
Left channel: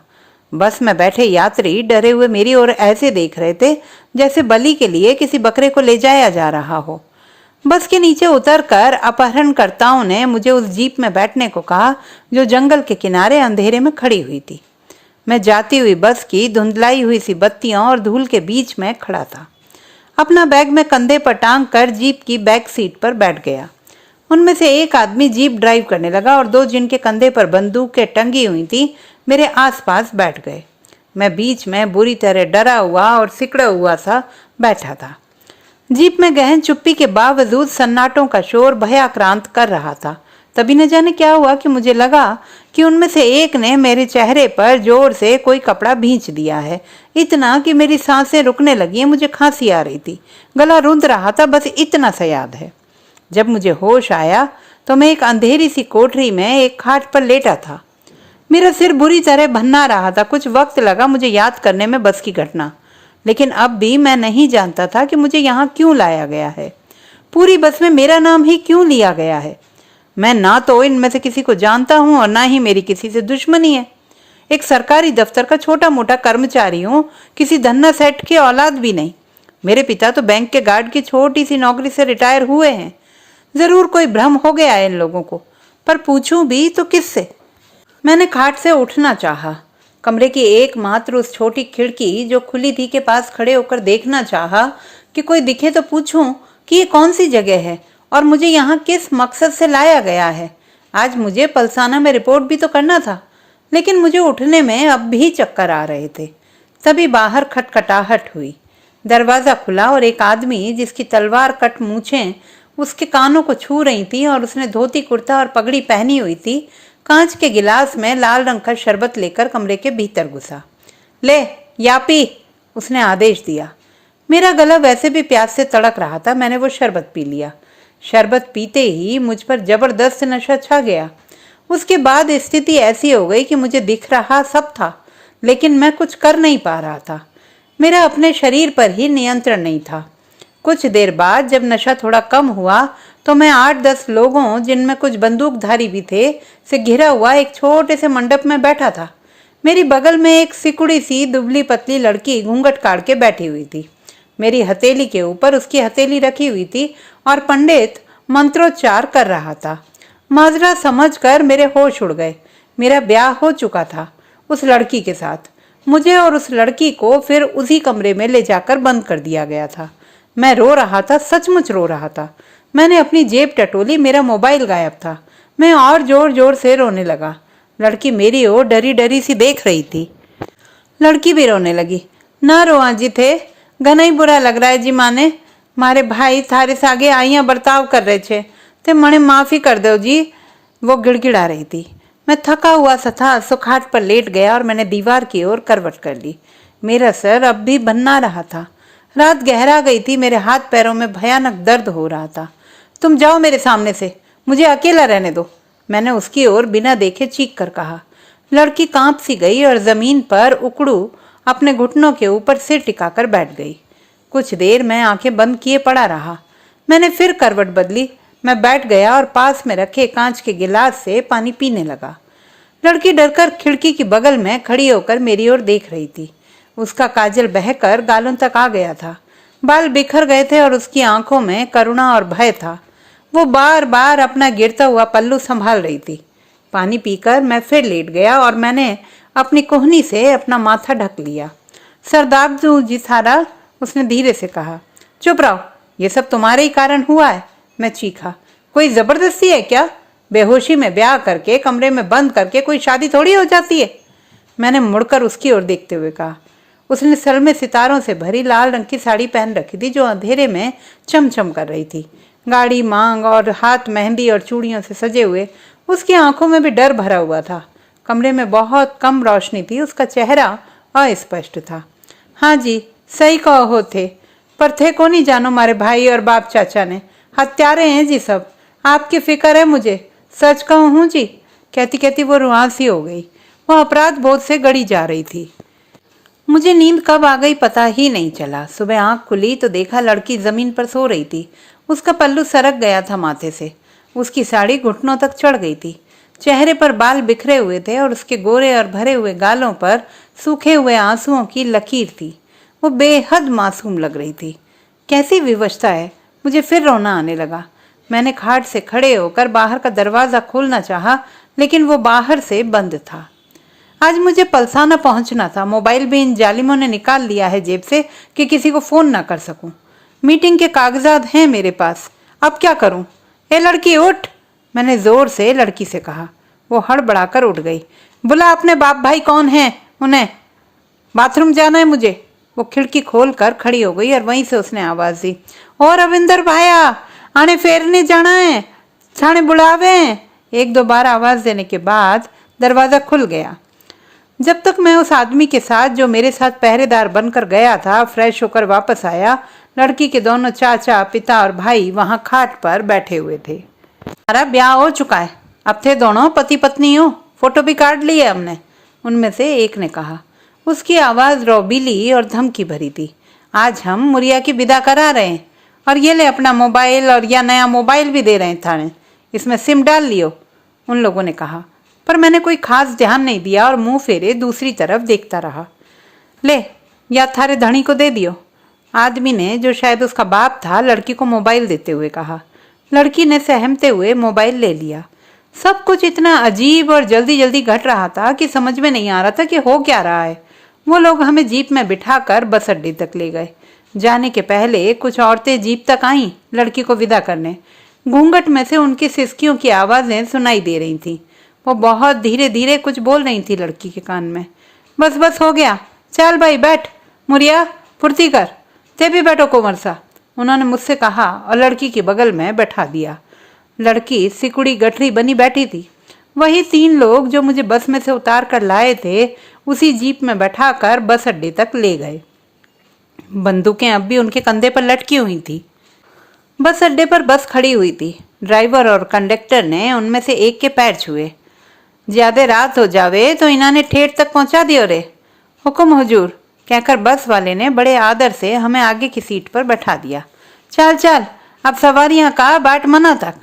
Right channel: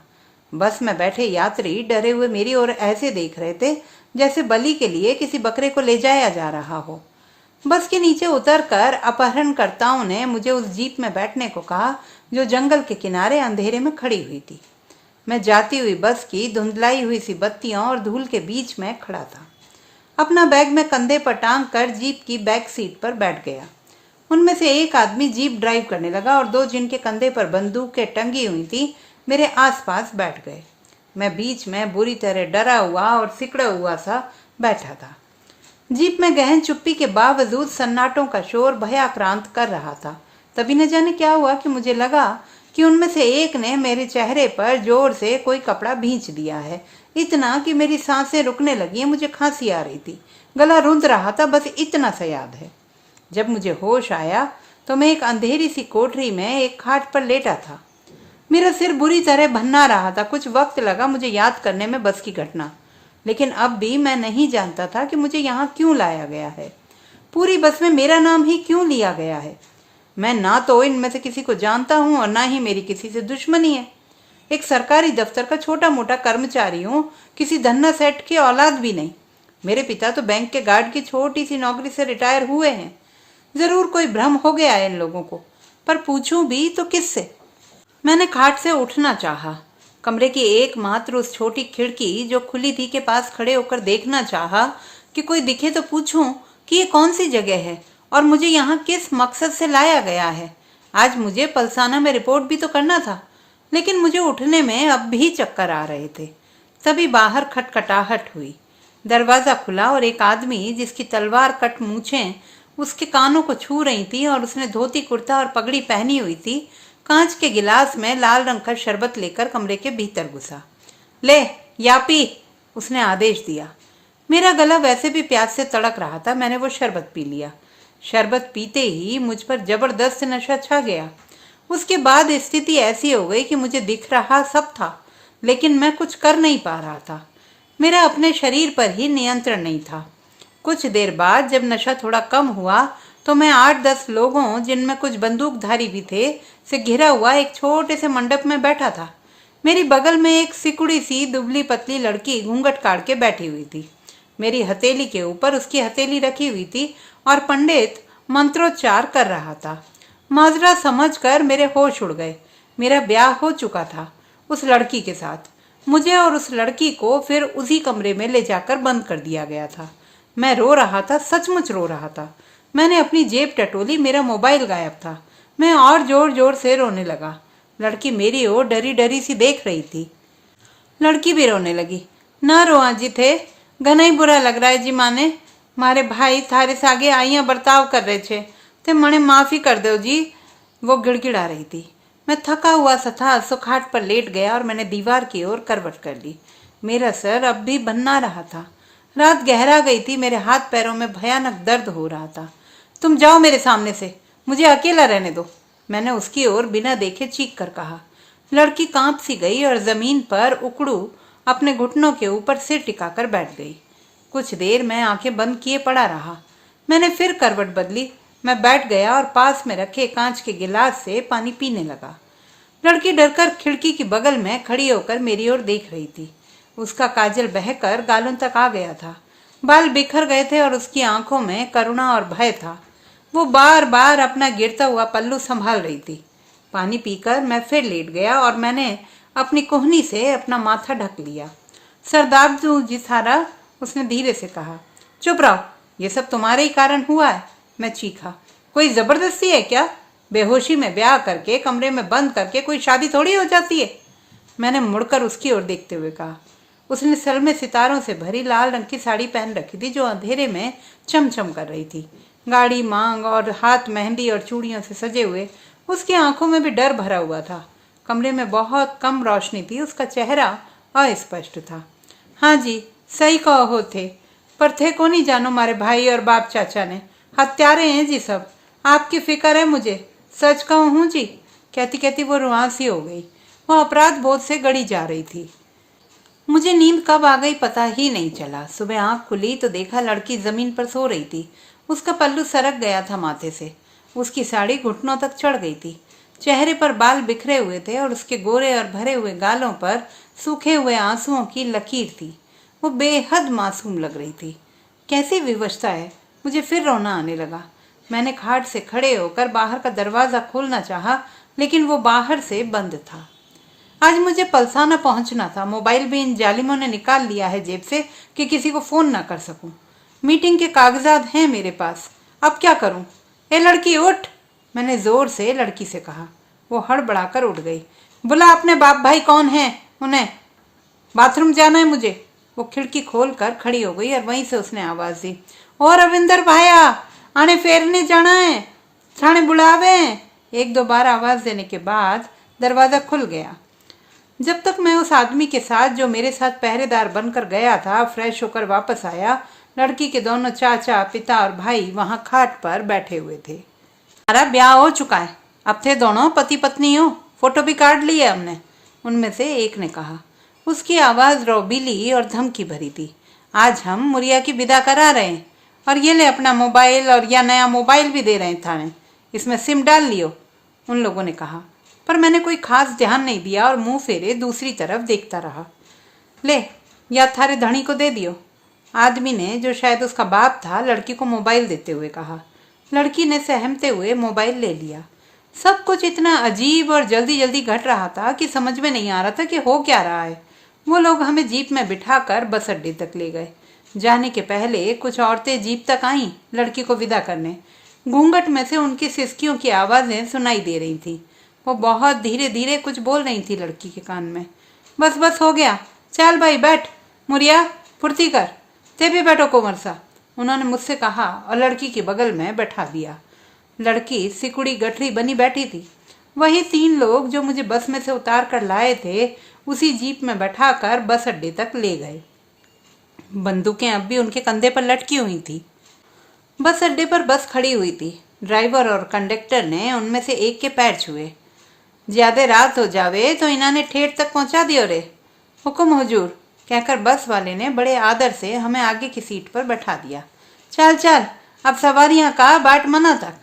बस में बैठे यात्री डरे हुए मेरी ओर ऐसे देख रहे थे जैसे बलि के लिए किसी बकरे को ले जाया जा रहा हो। बस के नीचे उतरकर अपहरणकर्ताओं ने मुझे उस जीप में बैठने को कहा जो जंगल के किनारे अंधेरे में खड़ी हुई थी। मैं जाती हुई बस की धुंधलाई हुई सी बत्तियों और धूल के बीच में खड़ा था। अपना बैग में कंधे पर टांग कर जीप की बैक सीट पर बैठ गया। उनमें से एक आदमी जीप ड्राइव करने लगा और 2 जिनके कंधे पर बंदूकें टंगी हुई थी मेरे आसपास बैठ गए। मैं बीच में बुरी तरह डरा हुआ और सिकड़ा हुआ सा बैठा था। जीप में गहन चुप्पी के बावजूद सन्नाटों का शोर भयाक्रांत कर रहा था। तभी न जाने क्या हुआ कि मुझे लगा कि उनमें से एक ने मेरे चेहरे पर जोर से कोई कपड़ा भींच दिया है। इतना कि मेरी सांसें रुकने लगी। मुझे खांसी आ रही थी, गला रूंध रहा था, बस इतना सा याद है। जब मुझे होश आया तो मैं एक अंधेरी सी कोठरी में एक खाट पर लेटा था। मेरा सिर बुरी तरह भन्ना रहा था। कुछ वक्त लगा मुझे याद करने में बस की घटना, लेकिन अब भी मैं नहीं जानता था कि मुझे यहाँ क्यों लाया गया है। पूरी बस में मेरा नाम ही क्यों लिया गया है। मैं ना तो इनमें से किसी को जानता हूँ और ना ही मेरी किसी से दुश्मनी है। एक सरकारी दफ्तर का छोटा मोटा कर्मचारी हूँ, किसी धन्ना सेठ की औलाद भी नहीं। मेरे पिता तो बैंक के गार्ड की छोटी सी नौकरी से रिटायर हुए हैं। जरूर कोई भ्रम हो गया है इन लोगों को, पर पूछूं भी तो किससे? मैंने खाट से उठना चाहा। कमरे की एकमात्र उस छोटी खिड़की जो खुली थी के पास खड़े होकर देखना चाहा कि कोई दिखे तो पूछूं कि ये कौन सी जगह है और मुझे यहाँ किस मकसद से लाया गया है। आज मुझे पलसाना में रिपोर्ट भी तो करना था, लेकिन मुझे उठने में अब भी चक्कर आ रहे थे। तभी बाहर खटखटाहट हुई। दरवाजा खुला और एक आदमी जिसकी तलवार कट मूछें उसके कानों को छू रही थी और उसने धोती कुर्ता और पगड़ी पहनी हुई थी, कांच के गिलास में लाल रंग का शरबत लेकर कमरे के भीतर घुसा। ले या पी, उसने आदेश दिया। मेरा गला वैसे भी प्यास से तड़क रहा था। मैंने वो शरबत पी लिया। शरबत पीते ही मुझ पर जबरदस्त नशा छा गया। उसके बाद स्थिति ऐसी हो गई कि मुझे दिख रहा सब था, लेकिन मैं कुछ कर नहीं पा रहा था। मेरा अपने शरीर पर ही नियंत्रण नहीं था। कुछ देर बाद जब नशा थोड़ा कम हुआ तो मैं 8-10 लोगों, जिनमें कुछ बंदूकधारी भी थे, से घिरा हुआ एक छोटे से मंडप में बैठा था। मेरी बगल में एक सिकुड़ी सी दुबली पतली लड़की घूंघट काट के बैठी हुई थी। मेरी हथेली के ऊपर उसकी हथेली रखी हुई थी और पंडित मंत्रोच्चार कर रहा था। माजरा समझकर मेरे होश उड़ गए। मेरा ब्याह हो चुका था उस लड़की के साथ। मुझे और उस लड़की को फिर उसी कमरे में ले जाकर बंद कर दिया गया था। मैं रो रहा था, सचमुच रो रहा था। मैंने अपनी जेब टटोली, मेरा मोबाइल गायब था। मैं और जोर जोर से रोने लगा। लड़की मेरी ओर डरी डरी सी देख रही थी। लड़की भी रोने लगी। ना रो आजी थे, घना ही बुरा लग रहा है जी। माने मारे भाई थारे से आगे आइया बर्ताव कर रहे थे, ते मने माफी कर दो जी, वो गिड़गिड़ा रही थी। मैं थका हुआ सा था, सो खाट पर लेट गया और मैंने दीवार की ओर करवट कर ली। मेरा सर अब भी बन्ना रहा था। रात गहरा गई थी। मेरे हाथ पैरों में भयानक दर्द हो रहा था। तुम जाओ मेरे सामने से, मुझे अकेला रहने दो, मैंने उसकी ओर बिना देखे चीख कर कहा। लड़की कांप सी गई और जमीन पर उकड़ू अपने घुटनों के ऊपर सिर टिकाकर बैठ गई। कुछ देर मैं आंखें बंद किए पड़ा रहा। मैंने फिर करवट बदली। मैं बैठ गया और पास में रखे कांच के गिलास से पानी पीने लगा। लड़की डरकर खिड़की की बगल में खड़ी होकर मेरी ओर देख रही थी। उसका काजल बहकर गालों तक आ गया था। बाल बिखर गए थे और उसकी आंखों में करुणा और भय था। वो बार बार अपना गिरता हुआ पल्लू संभाल रही थी। पानी पीकर मैं फिर लेट गया और मैंने अपनी कोहनी से अपना माथा ढक लिया। सरदार जी सारा, उसने धीरे से कहा। चुप रहो, ये सब तुम्हारे ही कारण हुआ है, मैं चीखा। कोई जबरदस्ती है क्या? बेहोशी में ब्याह करके कमरे में बंद करके कोई शादी थोड़ी हो जाती है, मैंने मुड़कर उसकी ओर देखते हुए कहा। उसने सर में सितारों से भरी लाल रंग की साड़ी पहन रखी थी जो अंधेरे में चमचम कर रही थी। गाढ़ी मांग और हाथ मेहंदी और चूड़ियों से सजे हुए, उसकी आंखों में भी डर भरा हुआ था। कमरे में बहुत कम रोशनी थी। उसका चेहरा अस्पष्ट था। हाँ जी, सही कहो थे, पर थे को नहीं जानो मारे भाई और बाप चाचा ने। हत्यारे हैं जी सब। आपकी फिक्र है मुझे, सच कहूँ हूँ जी। कहती कहती वो रुआंसी हो गई। वो अपराध बोध से गड़ी जा रही थी। मुझे नींद कब आ गई पता ही नहीं चला। सुबह आंख खुली तो देखा लड़की जमीन पर सो रही थी। उसका पल्लू सरक गया था माथे से। उसकी साड़ी घुटनों तक चढ़ गई थी। चेहरे पर बाल बिखरे हुए थे और उसके गोरे और भरे हुए गालों पर सूखे हुए आंसुओं की लकीर थी। वो बेहद मासूम लग रही थी। कैसी विवशता है। मुझे फिर रोना आने लगा। मैंने खाट से खड़े होकर बाहर का दरवाजा खोलना चाहा, लेकिन वो बाहर से बंद था। आज मुझे पलसाना पहुंचना था। मोबाइल भी इन जालिमों ने निकाल लिया है जेब से कि किसी को फोन ना कर सकूं। मीटिंग के कागजात हैं मेरे पास, अब क्या करूं? ए लड़की उठ, मैंने जोर से लड़की से कहा। वो हड़बड़ाकर उठ गई। बुला अपने बाप भाई कौन है उन्हें, बाथरूम जाना है मुझे। वो खिड़की खोल कर खड़ी हो गई और वहीं से उसने आवाज दी। और रविंदर भाया, आने फेरने जाना है, थाने बुलावे। 1-2 बार आवाज देने के बाद दरवाजा खुल गया। जब तक मैं उस आदमी के साथ जो मेरे साथ पहरेदार बनकर गया था फ्रेश होकर वापस आया, लड़की के दोनों चाचा, पिता और भाई वहां खाट पर बैठे हुए थे। हमारा ब्याह हो चुका है, अब थे दोनों पति पत्नी हो, फोटो भी काट ली है हमने, उनमें से एक ने कहा। उसकी आवाज रौबीली और धमकी भरी थी। आज हम मुरिया की विदा करा रहे हैं और ये ले अपना मोबाइल, और या नया मोबाइल भी दे रहे हैं थाने, इसमें सिम डाल लियो, उन लोगों ने कहा। पर मैंने कोई खास ध्यान नहीं दिया और मुंह फेरे दूसरी तरफ देखता रहा। ले, या थारे धनी को दे दियो, आदमी ने, जो शायद उसका बाप था, लड़की को मोबाइल देते हुए कहा। लड़की ने सहमते हुए मोबाइल ले लिया। सब कुछ इतना अजीब और जल्दी जल्दी घट रहा था कि समझ में नहीं आ रहा था कि हो क्या रहा है। वो लोग हमें जीप में बिठाकर बस अड्डे तक ले गए। जाने के पहले कुछ औरतें जीप तक आईं लड़की को विदा करने। घूंघट में से उनकी सिसकियों की आवाजें सुनाई दे रही थी। वो बहुत धीरे धीरे कुछ बोल रही थी लड़की के कान में। बस बस हो गया, चल भाई बैठ, मुरिया फुर्ती कर, ते भी बैठो कुंवर सा, उन्होंने मुझसे कहा और लड़की के बगल में बैठा दिया। लड़की सिकुड़ी गठरी बनी बैठी थी। वही 3 लोग जो मुझे बस में से उतार कर लाए थे उसी जीप में बैठाकर बस अड्डे तक ले गए। बंदूकें अब भी उनके कंधे पर लटकी हुई थी। बस अड्डे पर बस खड़ी हुई थी। ड्राइवर और कंडक्टर ने उनमें से एक के पैर छुए। ज्यादा रात हो जावे तो इन्होंने ठेठ तक पहुंचा दियो रे। हुक्म हुजूर, कहकर बस वाले ने बड़े आदर से हमें आगे की सीट पर बैठा दिया। चल चल, अब सवारियां का बाट मना तक।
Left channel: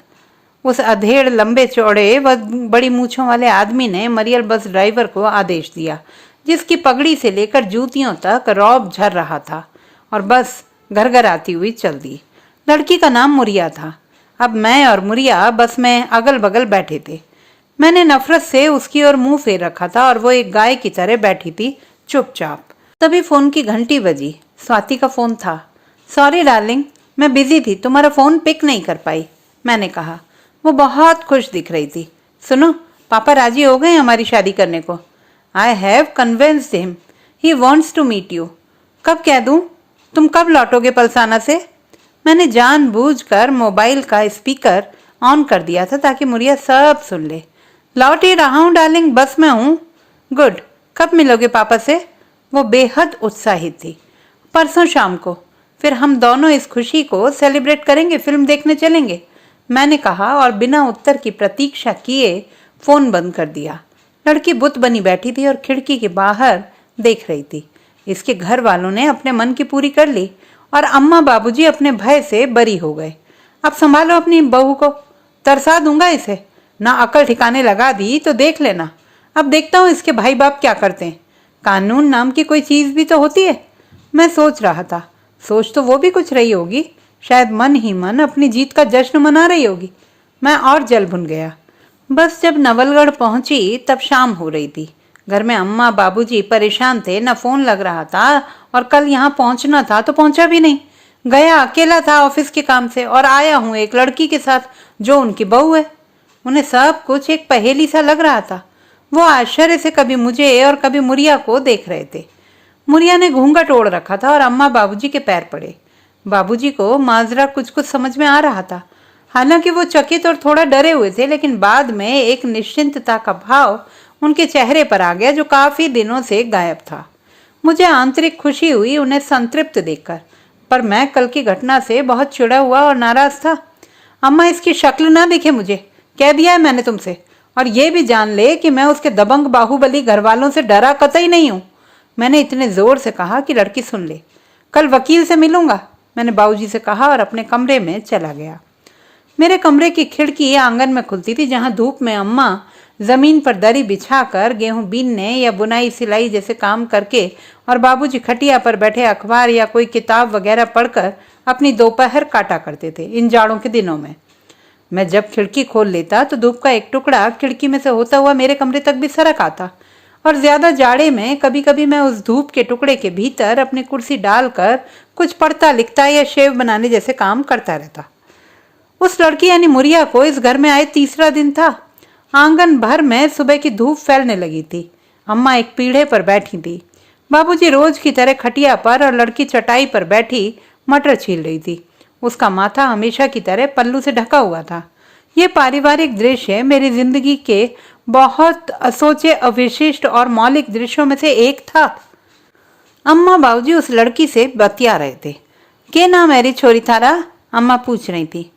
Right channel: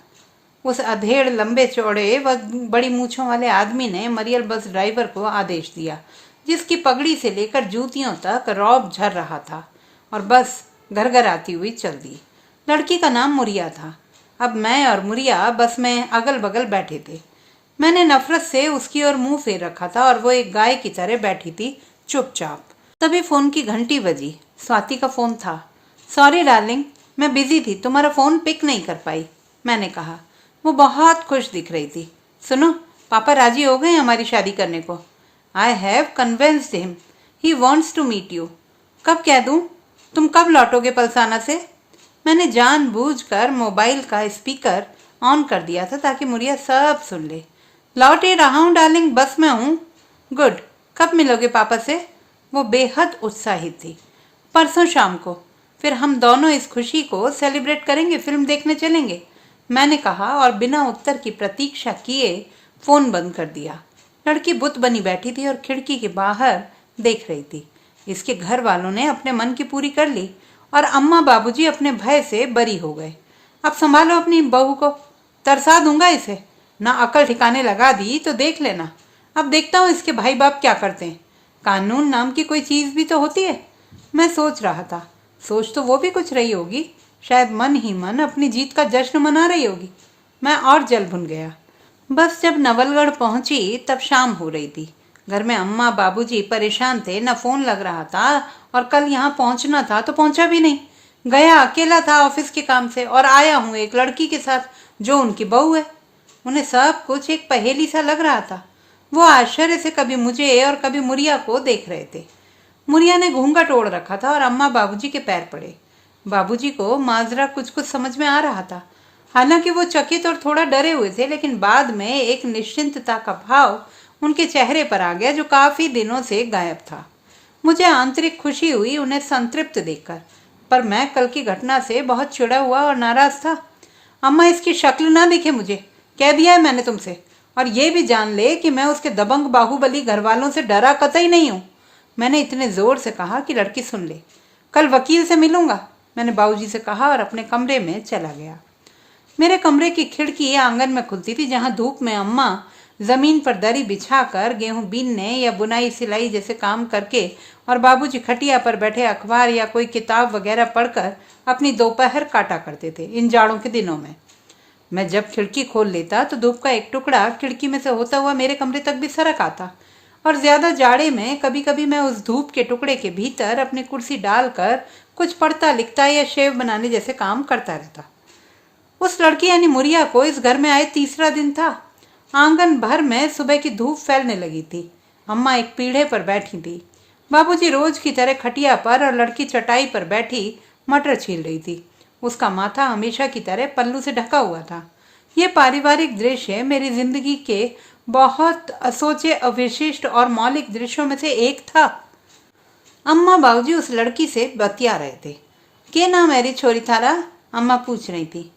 उस अधेड़ लंबे चौड़े व बड़ी मूछों वाले आदमी ने मरियल बस ड्राइवर को आदेश दिया, जिसकी पगड़ी से लेकर जूतियों तक रौब झर रहा था, और बस घर घर आती हुई चल दी। लड़की का नाम मुरिया था। अब मैं और मुरिया बस में अगल बगल बैठे थे। मैंने नफरत से उसकी ओर मुंह फेर रखा था और वो एक गाय की तरह बैठी थी चुपचाप। तभी फोन की घंटी बजी। स्वाति का फोन था। सॉरी डार्लिंग, मैं बिजी थी, तुम्हारा फोन पिक नहीं कर पाई, मैंने कहा। वो बहुत खुश दिख रही थी। सुनो, पापा राजी हो गए हमारी शादी करने को। I have convinced him, he wants to meet you. कब कह दूं? तुम कब लौटोगे पलसाना से? मैंने जानबूझकर मोबाइल का स्पीकर ऑन कर दिया था ताकि मुरिया सब सुन ले। लौट ही रहा हूँ डार्लिंग, बस में हूँ। गुड, कब मिलोगे पापा से? वो बेहद उत्साहित थी। परसों शाम को। फिर हम दोनों इस खुशी को सेलिब्रेट करेंगे, फिल्म देखने चलेंगे, मैंने कहा और बिना उत्तर की प्रतीक्षा किए फोन बंद कर दिया। लड़की बुत बनी बैठी थी और खिड़की के बाहर देख रही थी। इसके घर वालों ने अपने मन की पूरी कर ली और अम्मा बाबूजी अपने भय से बरी हो गए। अब संभालो अपनी बहू को, तरसा दूंगा इसे। ना अकल ठिकाने लगा दी तो देख लेना। अब देखता हूँ इसके भाई बाप क्या करते हैं। कानून नाम की कोई चीज भी तो होती है। मैं सोच रहा था, सोच तो वो भी कुछ रही होगी, शायद मन ही मन अपनी जीत का जश्न मना रही होगी। मैं और जल भुन गया। बस जब नवलगढ़ पहुंची तब शाम हो रही थी। घर में अम्मा बाबूजी परेशान थे, न फोन लग रहा था, और कल यहाँ पहुंचना था तो पहुंचा भी नहीं। गया अकेला था ऑफिस के काम से, और आया हूँ एक लड़की के साथ जो उनकी बहू है। उन्हें सब कुछ एक पहेली सा लग रहा था। वो आश्चर्य से कभी मुझे और कभी मुरिया को देख रहे थे। मुरिया ने घूंघट ओढ़ रखा था और अम्मा बाबूजी के पैर पड़े। बाबूजी को माजरा कुछ कुछ समझ में आ रहा था। हालांकि वो चकित और थोड़ा डरे हुए थे, लेकिन बाद में एक निश्चिंतता का भाव उनके चेहरे पर आ गया जो काफी दिनों से गायब था। मुझे आंतरिक खुशी हुई उन्हें संतृप्त देखकर, पर मैं कल की घटना से बहुत चिढ़ा हुआ और नाराज था। अम्मा, इसकी शक्ल ना दिखे मुझे, कह दिया है मैंने तुमसे, और ये भी जान ले कि मैं उसके दबंग बाहुबली घर वालों से डरा कतई नहीं हूं, मैंने इतने जोर से कहा कि लड़की सुन ले। कल वकील से मिलूंगा, मैंने बाबूजी से कहा और अपने कमरे में चला गया। मेरे कमरे की खिड़की आंगन में खुलती थी, जहां धूप में अम्मा जमीन पर दरी बिछाकर गेहूं बीनने या बुनाई सिलाई जैसे काम करके और बाबूजी खटिया पर बैठे अखबार या कोई किताब वगैरह पढ़कर अपनी दोपहर काटा करते थे। इन जाड़ों के दिनों में मैं जब खिड़की खोल लेता तो धूप का एक टुकड़ा खिड़की में से होता हुआ मेरे कमरे तक भी सरक आता, और ज्यादा जाड़े में कभी कभी मैं उस धूप के टुकड़े के भीतर अपनी कुर्सी डालकर कुछ पढ़ता लिखता या शेव बनाने जैसे काम करता रहता। उस लड़की यानी मुरिया को इस घर में आए तीसरा दिन था। आंगन भर में सुबह की धूप फैलने लगी थी। अम्मा एक पीढ़े पर बैठी थी। बाबूजी रोज की तरह खटिया पर और लड़की चटाई पर बैठी मटर छील रही थी। उसका माथा हमेशा की तरह पल्लू से ढका हुआ था। ये पारिवारिक दृश्य मेरी जिंदगी के बहुत असोचे, अविशिष्ट और मौलिक दृश्यों में से एक था। अम्मा बाबूजी उस लड़की से बतिया रहे थे। के नाम है री छोरी थारा? अम्मा पूछ रही थी।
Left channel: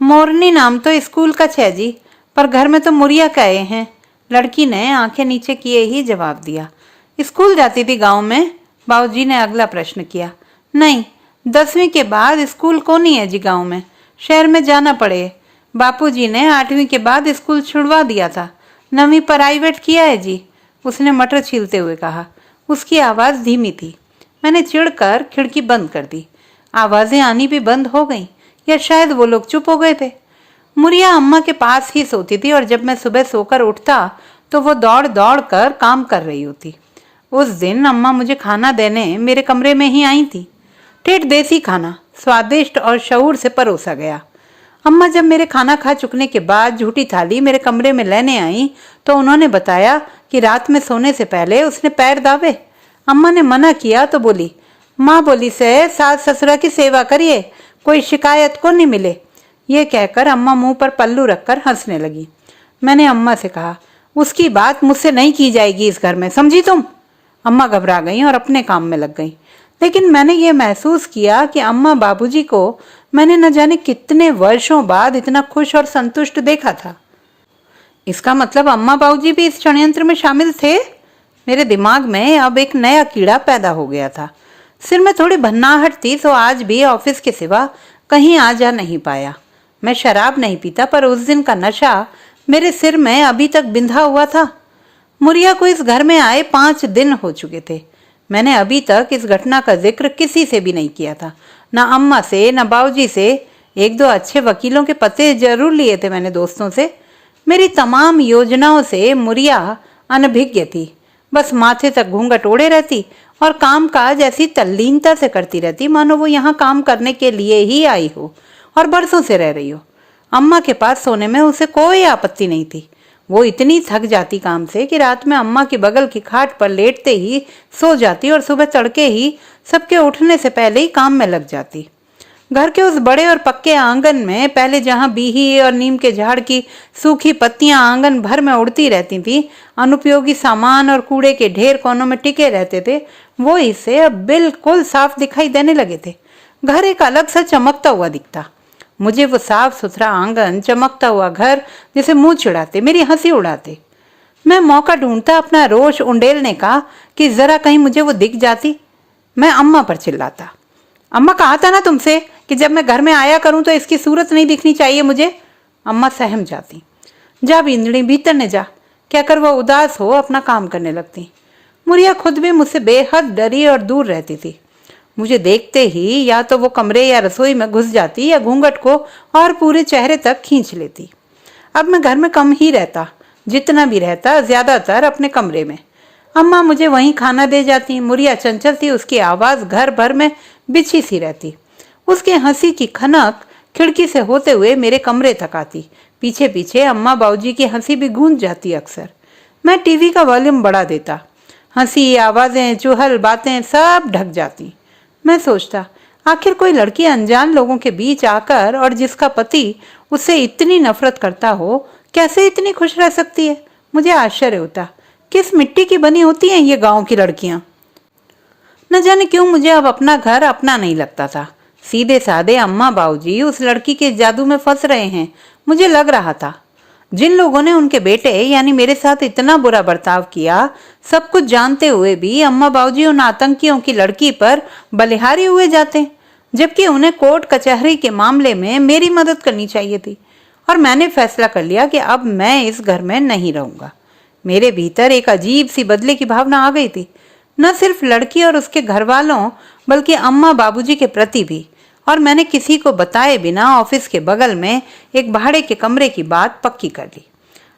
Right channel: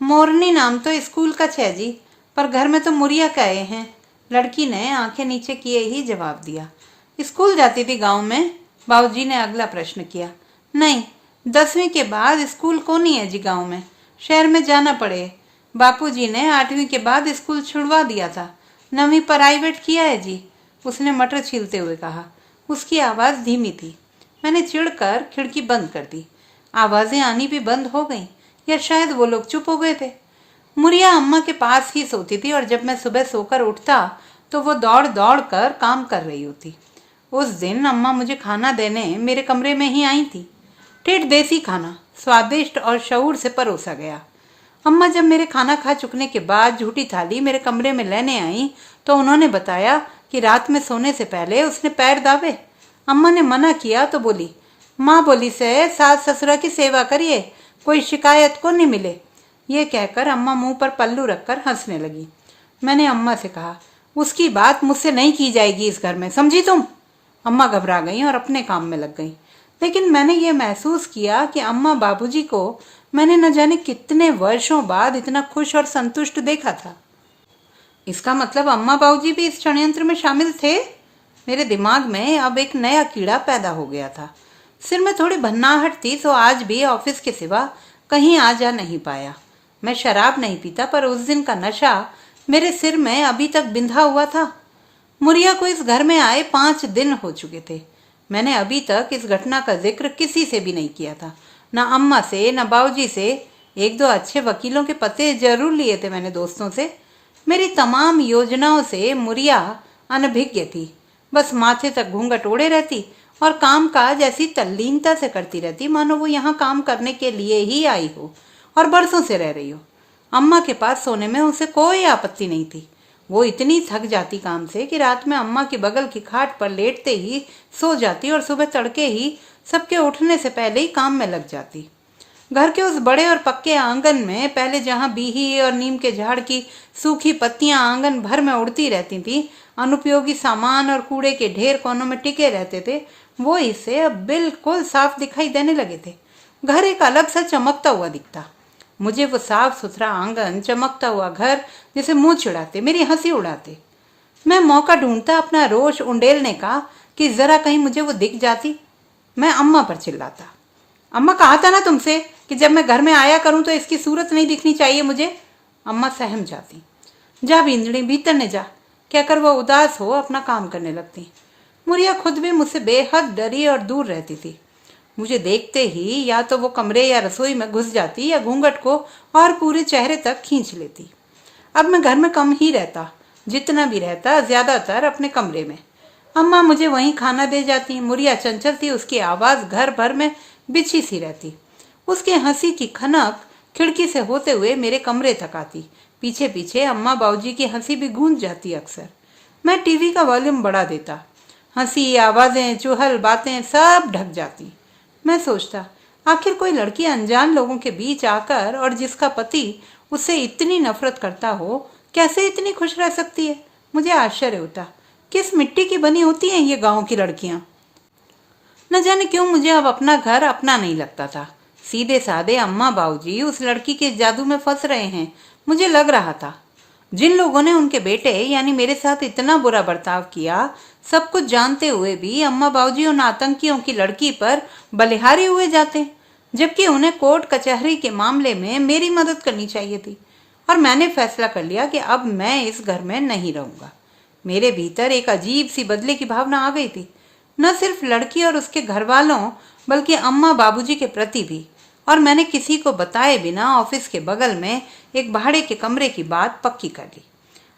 मोरनी नाम तो स्कूल का छे जी, पर घर में तो मुरिया कहे हैं, लड़की ने आंखें नीचे किए ही जवाब दिया। स्कूल जाती थी गांव में? बाबूजी ने अगला प्रश्न किया। नहीं, 10वीं के बाद स्कूल कौन ही है जी गांव में, शहर में जाना पड़े। बापूजी ने 8वीं के बाद स्कूल छुड़वा दिया था, 9वीं प्राइवेट किया है जी, उसने मटर छीलते हुए कहा। उसकी आवाज धीमी थी। मैंने चिढ़कर खिड़की बंद कर दी। आवाजें आनी भी बंद हो गईं, या शायद वो लोग चुप हो गए थे। मुरिया अम्मा के पास ही सोती थी और जब मैं सुबह सोकर उठता तो वो दौड़ दौड़ कर काम कर रही होती। उस दिन अम्मा मुझे खाना देने मेरे कमरे में ही आई थी। ठेठ देसी खाना स्वादिष्ट और शऊर से परोसा गया। अम्मा जब मेरे खाना खा चुकने के बाद झूठी थाली मेरे कमरे में लेने आई तो उन्होंने बताया कि रात में सोने से पहले उसने पैर दाबे। अम्मा ने मना किया तो बोली, माँ बोली से सास ससुरा की सेवा करिए, कोई शिकायत को नहीं मिले। ये कहकर अम्मा मुंह पर पल्लू रखकर हंसने लगी। मैंने अम्मा से कहा, उसकी बात मुझसे नहीं की जाएगी इस घर में, समझी तुम? अम्मा घबरा गई और अपने काम में लग गई। लेकिन मैंने ये महसूस किया कि अम्मा बाबूजी को मैंने न जाने कितने वर्षों बाद इतना खुश और संतुष्ट देखा था। इसका मतलब अम्मा बाबूजी भी इस षड्यंत्र में शामिल थे। मेरे दिमाग में अब एक नया कीड़ा पैदा हो गया था। सिर में थोड़ी भन्नाहट थी तो आज भी ऑफिस के सिवा कहीं आ जा नहीं पाया। मैं शराब नहीं पीता, पर उस दिन का नशा मेरे सिर में अभी तक बिंधा हुआ था। मुरिया को इस घर में आए 5 दिन हो चुके थे। मैंने अभी तक इस घटना का जिक्र किसी से भी नहीं किया था, न अम्मा से न बाबूजी से। 1-2 अच्छे वकीलों के पते जरूर लिए थे मैंने दोस्तों से। मेरी तमाम योजनाओं से मुरिया अनभिज्ञ थी। बस माथे तक घूंघट ओढ़े रहती और काम काज ऐसी तल्लीनता से करती रहती मानो वो यहाँ काम करने के लिए ही आई हो और बरसों से रह रही हो। अम्मा के पास सोने में उसे कोई आपत्ति नहीं थी। वो इतनी थक जाती काम से कि रात में अम्मा की बगल की खाट पर लेटते ही सो जाती और सुबह तड़के ही सबके उठने से पहले ही काम में लग जाती। घर के उस बड़े और पक्के आंगन में पहले जहां बीही और नीम के झाड़ की सूखी पत्तियां आंगन भर में उड़ती रहती थी, अनुपयोगी सामान और कूड़े के ढेर कोनों में टिके रहते थे, वो हिस्से अब बिल्कुल साफ दिखाई देने लगे थे। घर एक अलग सा चमकता हुआ दिखता। मुझे वो साफ सुथरा आंगन, चमकता हुआ घर जैसे मुंह चिढ़ाते, मेरी हंसी उड़ाते। मैं मौका ढूंढता अपना रोष उंडेलने का कि जरा कहीं मुझे वो दिख जाती। मैं अम्मा पर चिल्लाता, अम्मा कहा था ना तुमसे कि जब मैं घर में आया करूं तो इसकी सूरत नहीं दिखनी चाहिए मुझे। अम्मा सहम जाती। जा बिंदड़ी, भीतर ने जा, कहकर वह उदास हो अपना काम करने लगती। मुरिया खुद भी मुझसे बेहद डरी और दूर रहती थी। मुझे देखते ही या तो वो कमरे या रसोई में घुस जाती या घूंघट को और पूरे चेहरे तक खींच लेती। अब मैं घर में कम ही रहता, जितना भी रहता ज्यादातर अपने कमरे में। अम्मा मुझे वहीं खाना दे जाती। मुरिया चंचल थी, उसकी आवाज घर भर में बिछी सी रहती। उसके हंसी की खनक खिड़की से होते हुए मेरे कमरे तक आती। पीछे पीछे अम्मा बाबूजी की हंसी भी गूंज जाती। अक्सर मैं टीवी का वॉल्यूम बढ़ा देता। हंसी, आवाजें, चुहल बातें सब ढक जाती। मैं सोचता, आखिर कोई लड़की अनजान लोगों के बीच आकर और जिसका पति उससे इतनी नफरत करता हो, कैसे इतनी खुश रह सकती है? मुझे आश्चर्य होता, किस मिट्टी की बनी होती हैं ये गांव की लड़कियां। न जाने क्यों मुझे अब अपना घर अपना नहीं लगता था। सीधे साधे अम्मा बाबूजी उस लड़की के जादू में फंस रहे हैं, मुझे लग रहा था। जिन लोगों ने उनके बेटे यानी मेरे साथ इतना बुरा बर्ताव किया, सब कुछ जानते हुए भी अम्मा बाबूजी उन आतंकियों की लड़की पर बलिहारी हुए जाते, जबकि उन्हें कोर्ट कचहरी के मामले में मेरी मदद करनी चाहिए थी। और मैंने फैसला कर लिया कि अब मैं इस घर में नहीं रहूंगा। मेरे भीतर एक अजीब सी बदले की भावना आ गई थी, न सिर्फ लड़की और उसके घर वालों बल्कि अम्मा बाबूजी के प्रति भी। और मैंने किसी को बताए बिना ऑफिस के बगल में एक भाड़े के कमरे की बात पक्की कर ली।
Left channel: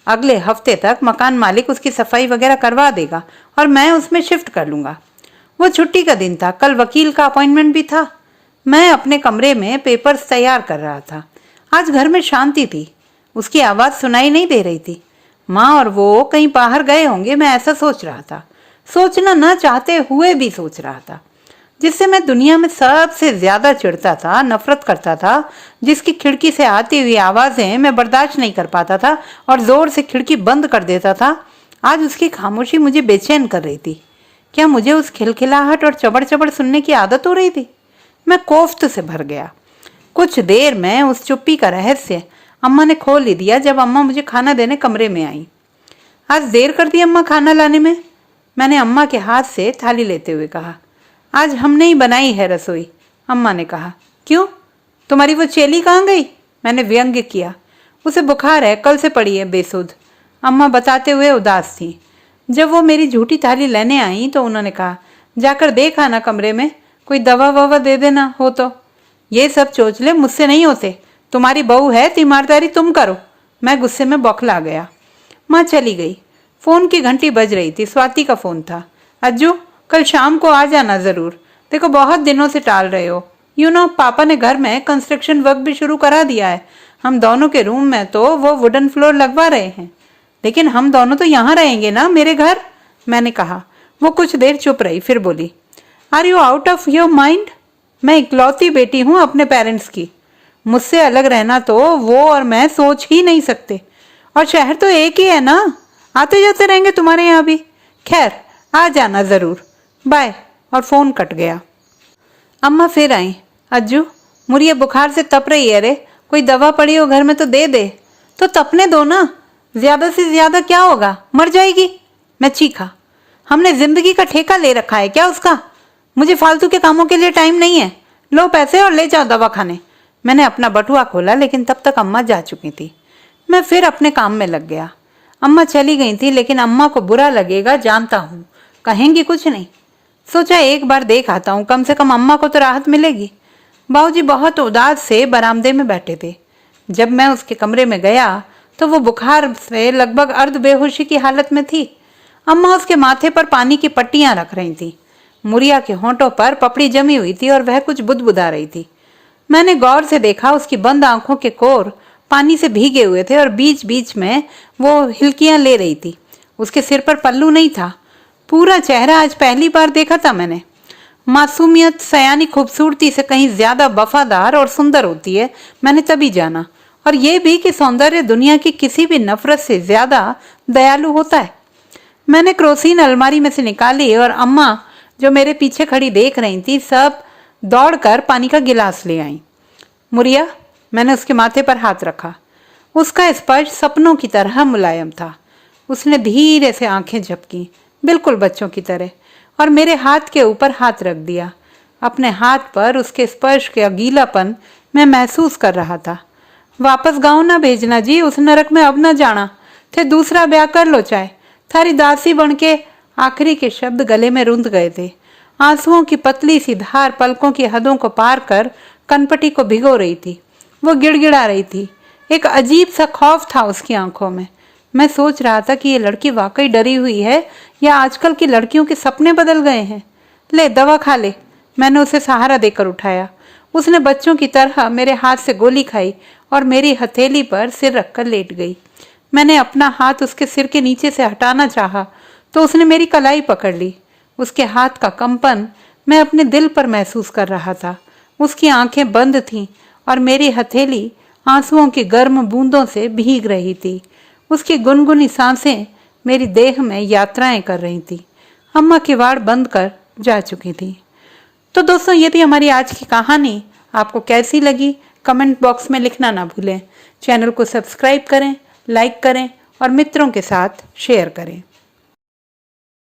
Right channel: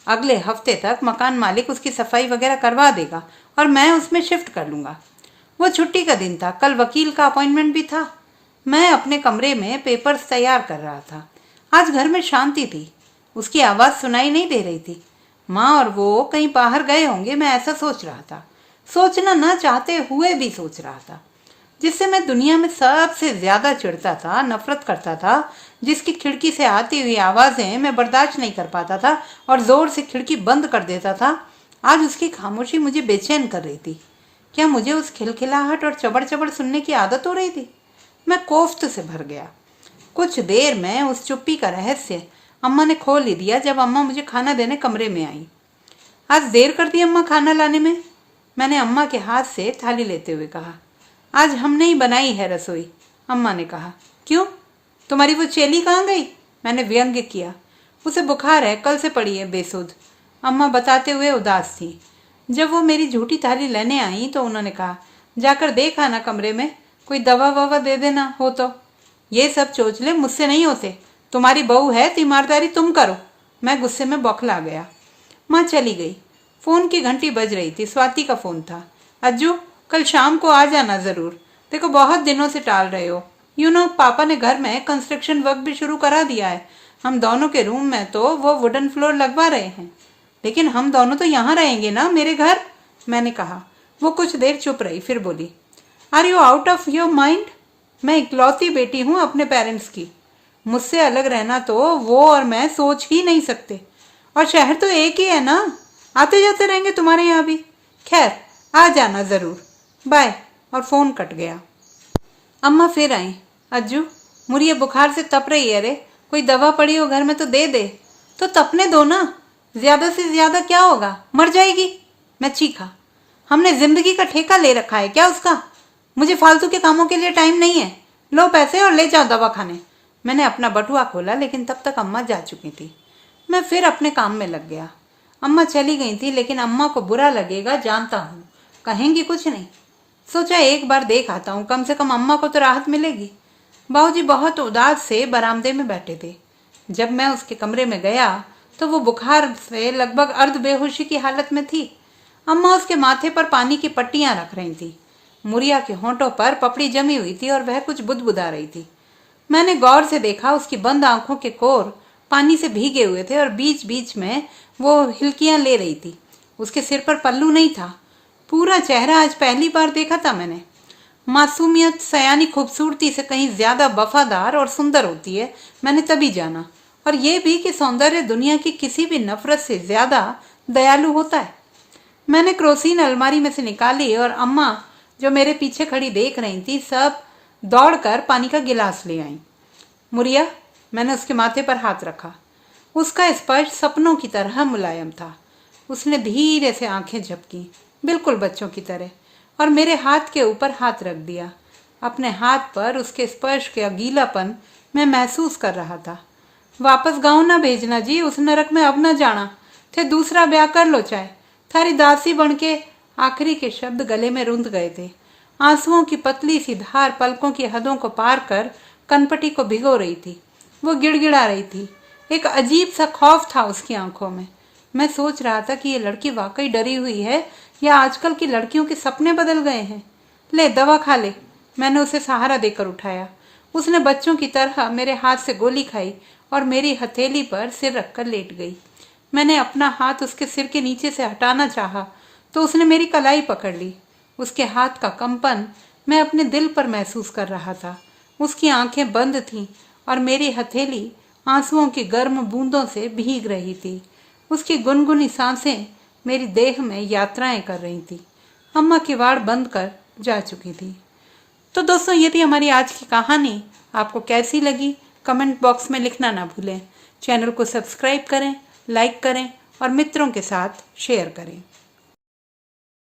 अगले हफ्ते तक मकान मालिक उसकी सफाई वगैरह करवा देगा और मैं उसमें शिफ्ट कर लूंगा। वो छुट्टी का दिन था, कल वकील का अपॉइंटमेंट भी था। मैं अपने कमरे में पेपर्स तैयार कर रहा था। आज घर में शांति थी, उसकी आवाज सुनाई नहीं दे रही थी। माँ और वो कहीं बाहर गए होंगे, मैं ऐसा सोच रहा था। सोचना न चाहते हुए भी सोच रहा था। जिससे मैं दुनिया में सबसे ज्यादा चिढ़ता था, नफरत करता था, जिसकी खिड़की से आती हुई आवाजें मैं बर्दाश्त नहीं कर पाता था और जोर से खिड़की बंद कर देता था, आज उसकी खामोशी मुझे बेचैन कर रही थी। क्या मुझे उस खिलखिलाहट और चबड़ चबड़ सुनने की आदत हो रही थी? मैं कोफ्त से भर गया। कुछ देर में उस चुप्पी का रहस्य अम्मा ने खोल ही दिया जब अम्मा मुझे खाना देने कमरे में आई। आज देर कर दी अम्मा खाना लाने में, मैंने अम्मा के हाथ से थाली लेते हुए कहा। आज हमने ही बनाई है रसोई, अम्मा ने कहा। क्यों, तुम्हारी वो चेली कहाँ गई? मैंने व्यंग्य किया। उसे बुखार है, कल से पड़ी है बेसुध, अम्मा बताते हुए उदास थी। जब वो मेरी झूठी थाली लेने आई तो उन्होंने कहा, जाकर देख आना कमरे में, कोई दवा ववा दे देना हो तो। ये सब चोचले मुझसे नहीं होते, तुम्हारी बहू है तो ईमानदारी तुम करो। मैं गुस्से में बौखला गया। माँ चली गई। फोन की घंटी बज रही थी, स्वाति का फोन था। अज्जू, कल शाम को आ जाना जरूर, देखो बहुत दिनों से टाल रहे हो। पापा ने घर में कंस्ट्रक्शन वर्क भी शुरू करा दिया है। हम दोनों के रूम में तो वो वुडन फ्लोर लगवा रहे हैं, लेकिन हम दोनों तो यहाँ रहेंगे ना, मेरे घर, मैंने कहा। वो कुछ देर चुप रही, फिर बोली, are you out of your mind? मैं इकलौती बेटी हूँ अपने पेरेंट्स की, मुझसे अलग रहना तो वो और मैं सोच ही नहीं सकते। और शहर तो एक ही है ना, आते जाते रहेंगे तुम्हारे यहाँ भी। खैर, आ जाना जरूर, बाय। और फोन कट गया। अम्मा फिर आई। अज्जू, मुरिया बुखार से तप रही है रे, कोई दवा पड़ी हो घर में तो दे दे। तो तपने दो ना, ज्यादा से ज्यादा क्या होगा, मर जाएगी। मैं चीखा। हमने जिंदगी का ठेका ले रखा है क्या उसका? मुझे फालतू के कामों के लिए टाइम नहीं है, लो पैसे और ले जाओ दवा खाने। मैंने अपना बटुआ खोला, लेकिन तब तक अम्मा जा चुकी थी। मैं फिर अपने काम में लग गया। अम्मा चली गई थी, लेकिन अम्मा को बुरा लगेगा जानता हूँ, कहेंगी कुछ नहीं। सोचा एक बार देख आता हूँ, कम से कम अम्मा को तो राहत मिलेगी। बाबूजी बहुत उदास से बरामदे में बैठे थे। जब मैं उसके कमरे में गया तो वो बुखार से लगभग अर्ध बेहोशी की हालत में थी। अम्मा उसके माथे पर पानी की पट्टियां रख रही थी। मुरिया के होंठों पर पपड़ी जमी हुई थी और वह कुछ बुदबुदा रही थी। मैंने गौर से देखा, उसकी बंद आंखों के कोर पानी से भीगे हुए थे और बीच बीच में वो हिलकियां ले रही थी। उसके सिर पर पल्लू नहीं था। पूरा चेहरा आज पहली बार देखा था मैंने। मासूमियत सयानी खूबसूरती से कहीं ज्यादा वफादार और सुंदर होती है, मैंने तभी जाना। और ये भी कि सौंदर्य दुनिया की किसी भी नफरत से ज्यादा दयालु होता है। मैंने क्रोसीन अलमारी में से निकाली और अम्मा जो मेरे पीछे खड़ी देख रही थी, सब दौड़कर पानी का गिलास ले आई। मुरिया, मैंने उसके माथे पर हाथ रखा। उसका स्पर्श सपनों की तरह मुलायम था। उसने धीरे से आंखें झपकी, बिल्कुल बच्चों की तरह, और मेरे हाथ के ऊपर हाथ रख दिया। अपने हाथ पर उसके स्पर्श का गीलापन मैं महसूस कर रहा था। वापस गाँव ना भेजना जी, उस नरक में अब न जाना, थे दूसरा ब्याह कर लो चाहे, थारी दासी बन के। आखिरी के शब्द गले में रुंध गए थे। आंसुओं की पतली सी धार पलकों की हदों को पार कर कनपटी को भिगो रही थी। वो गिड़गिड़ा रही थी। एक अजीब सा खौफ था उसकी आंखों में। मैं सोच रहा था कि ये लड़की वाकई डरी हुई है या आजकल की लड़कियों के सपने बदल गए हैं। ले दवा खा ले, मैंने उसे सहारा देकर उठाया। उसने बच्चों की तरह मेरे हाथ से गोली खाई और मेरी हथेली पर सिर रखकर लेट गई। मैंने अपना हाथ उसके सिर के नीचे से हटाना चाहा तो उसने मेरी कलाई पकड़ ली। उसके हाथ का कंपन मैं अपने दिल पर महसूस कर रहा था। उसकी आंखें बंद थीं और मेरी हथेली आंसुओं की गर्म बूंदों से भीग रही थी। उसकी गुनगुनी सांसें मेरी देह में यात्राएं कर रही थी। अम्मा किवाड़ बंद कर जा चुकी थी। तो दोस्तों, ये थी हमारी आज की कहानी। आपको कैसी लगी कमेंट बॉक्स में लिखना ना भूलें। चैनल को सब्सक्राइब करें, लाइक करें और मित्रों के साथ शेयर करें।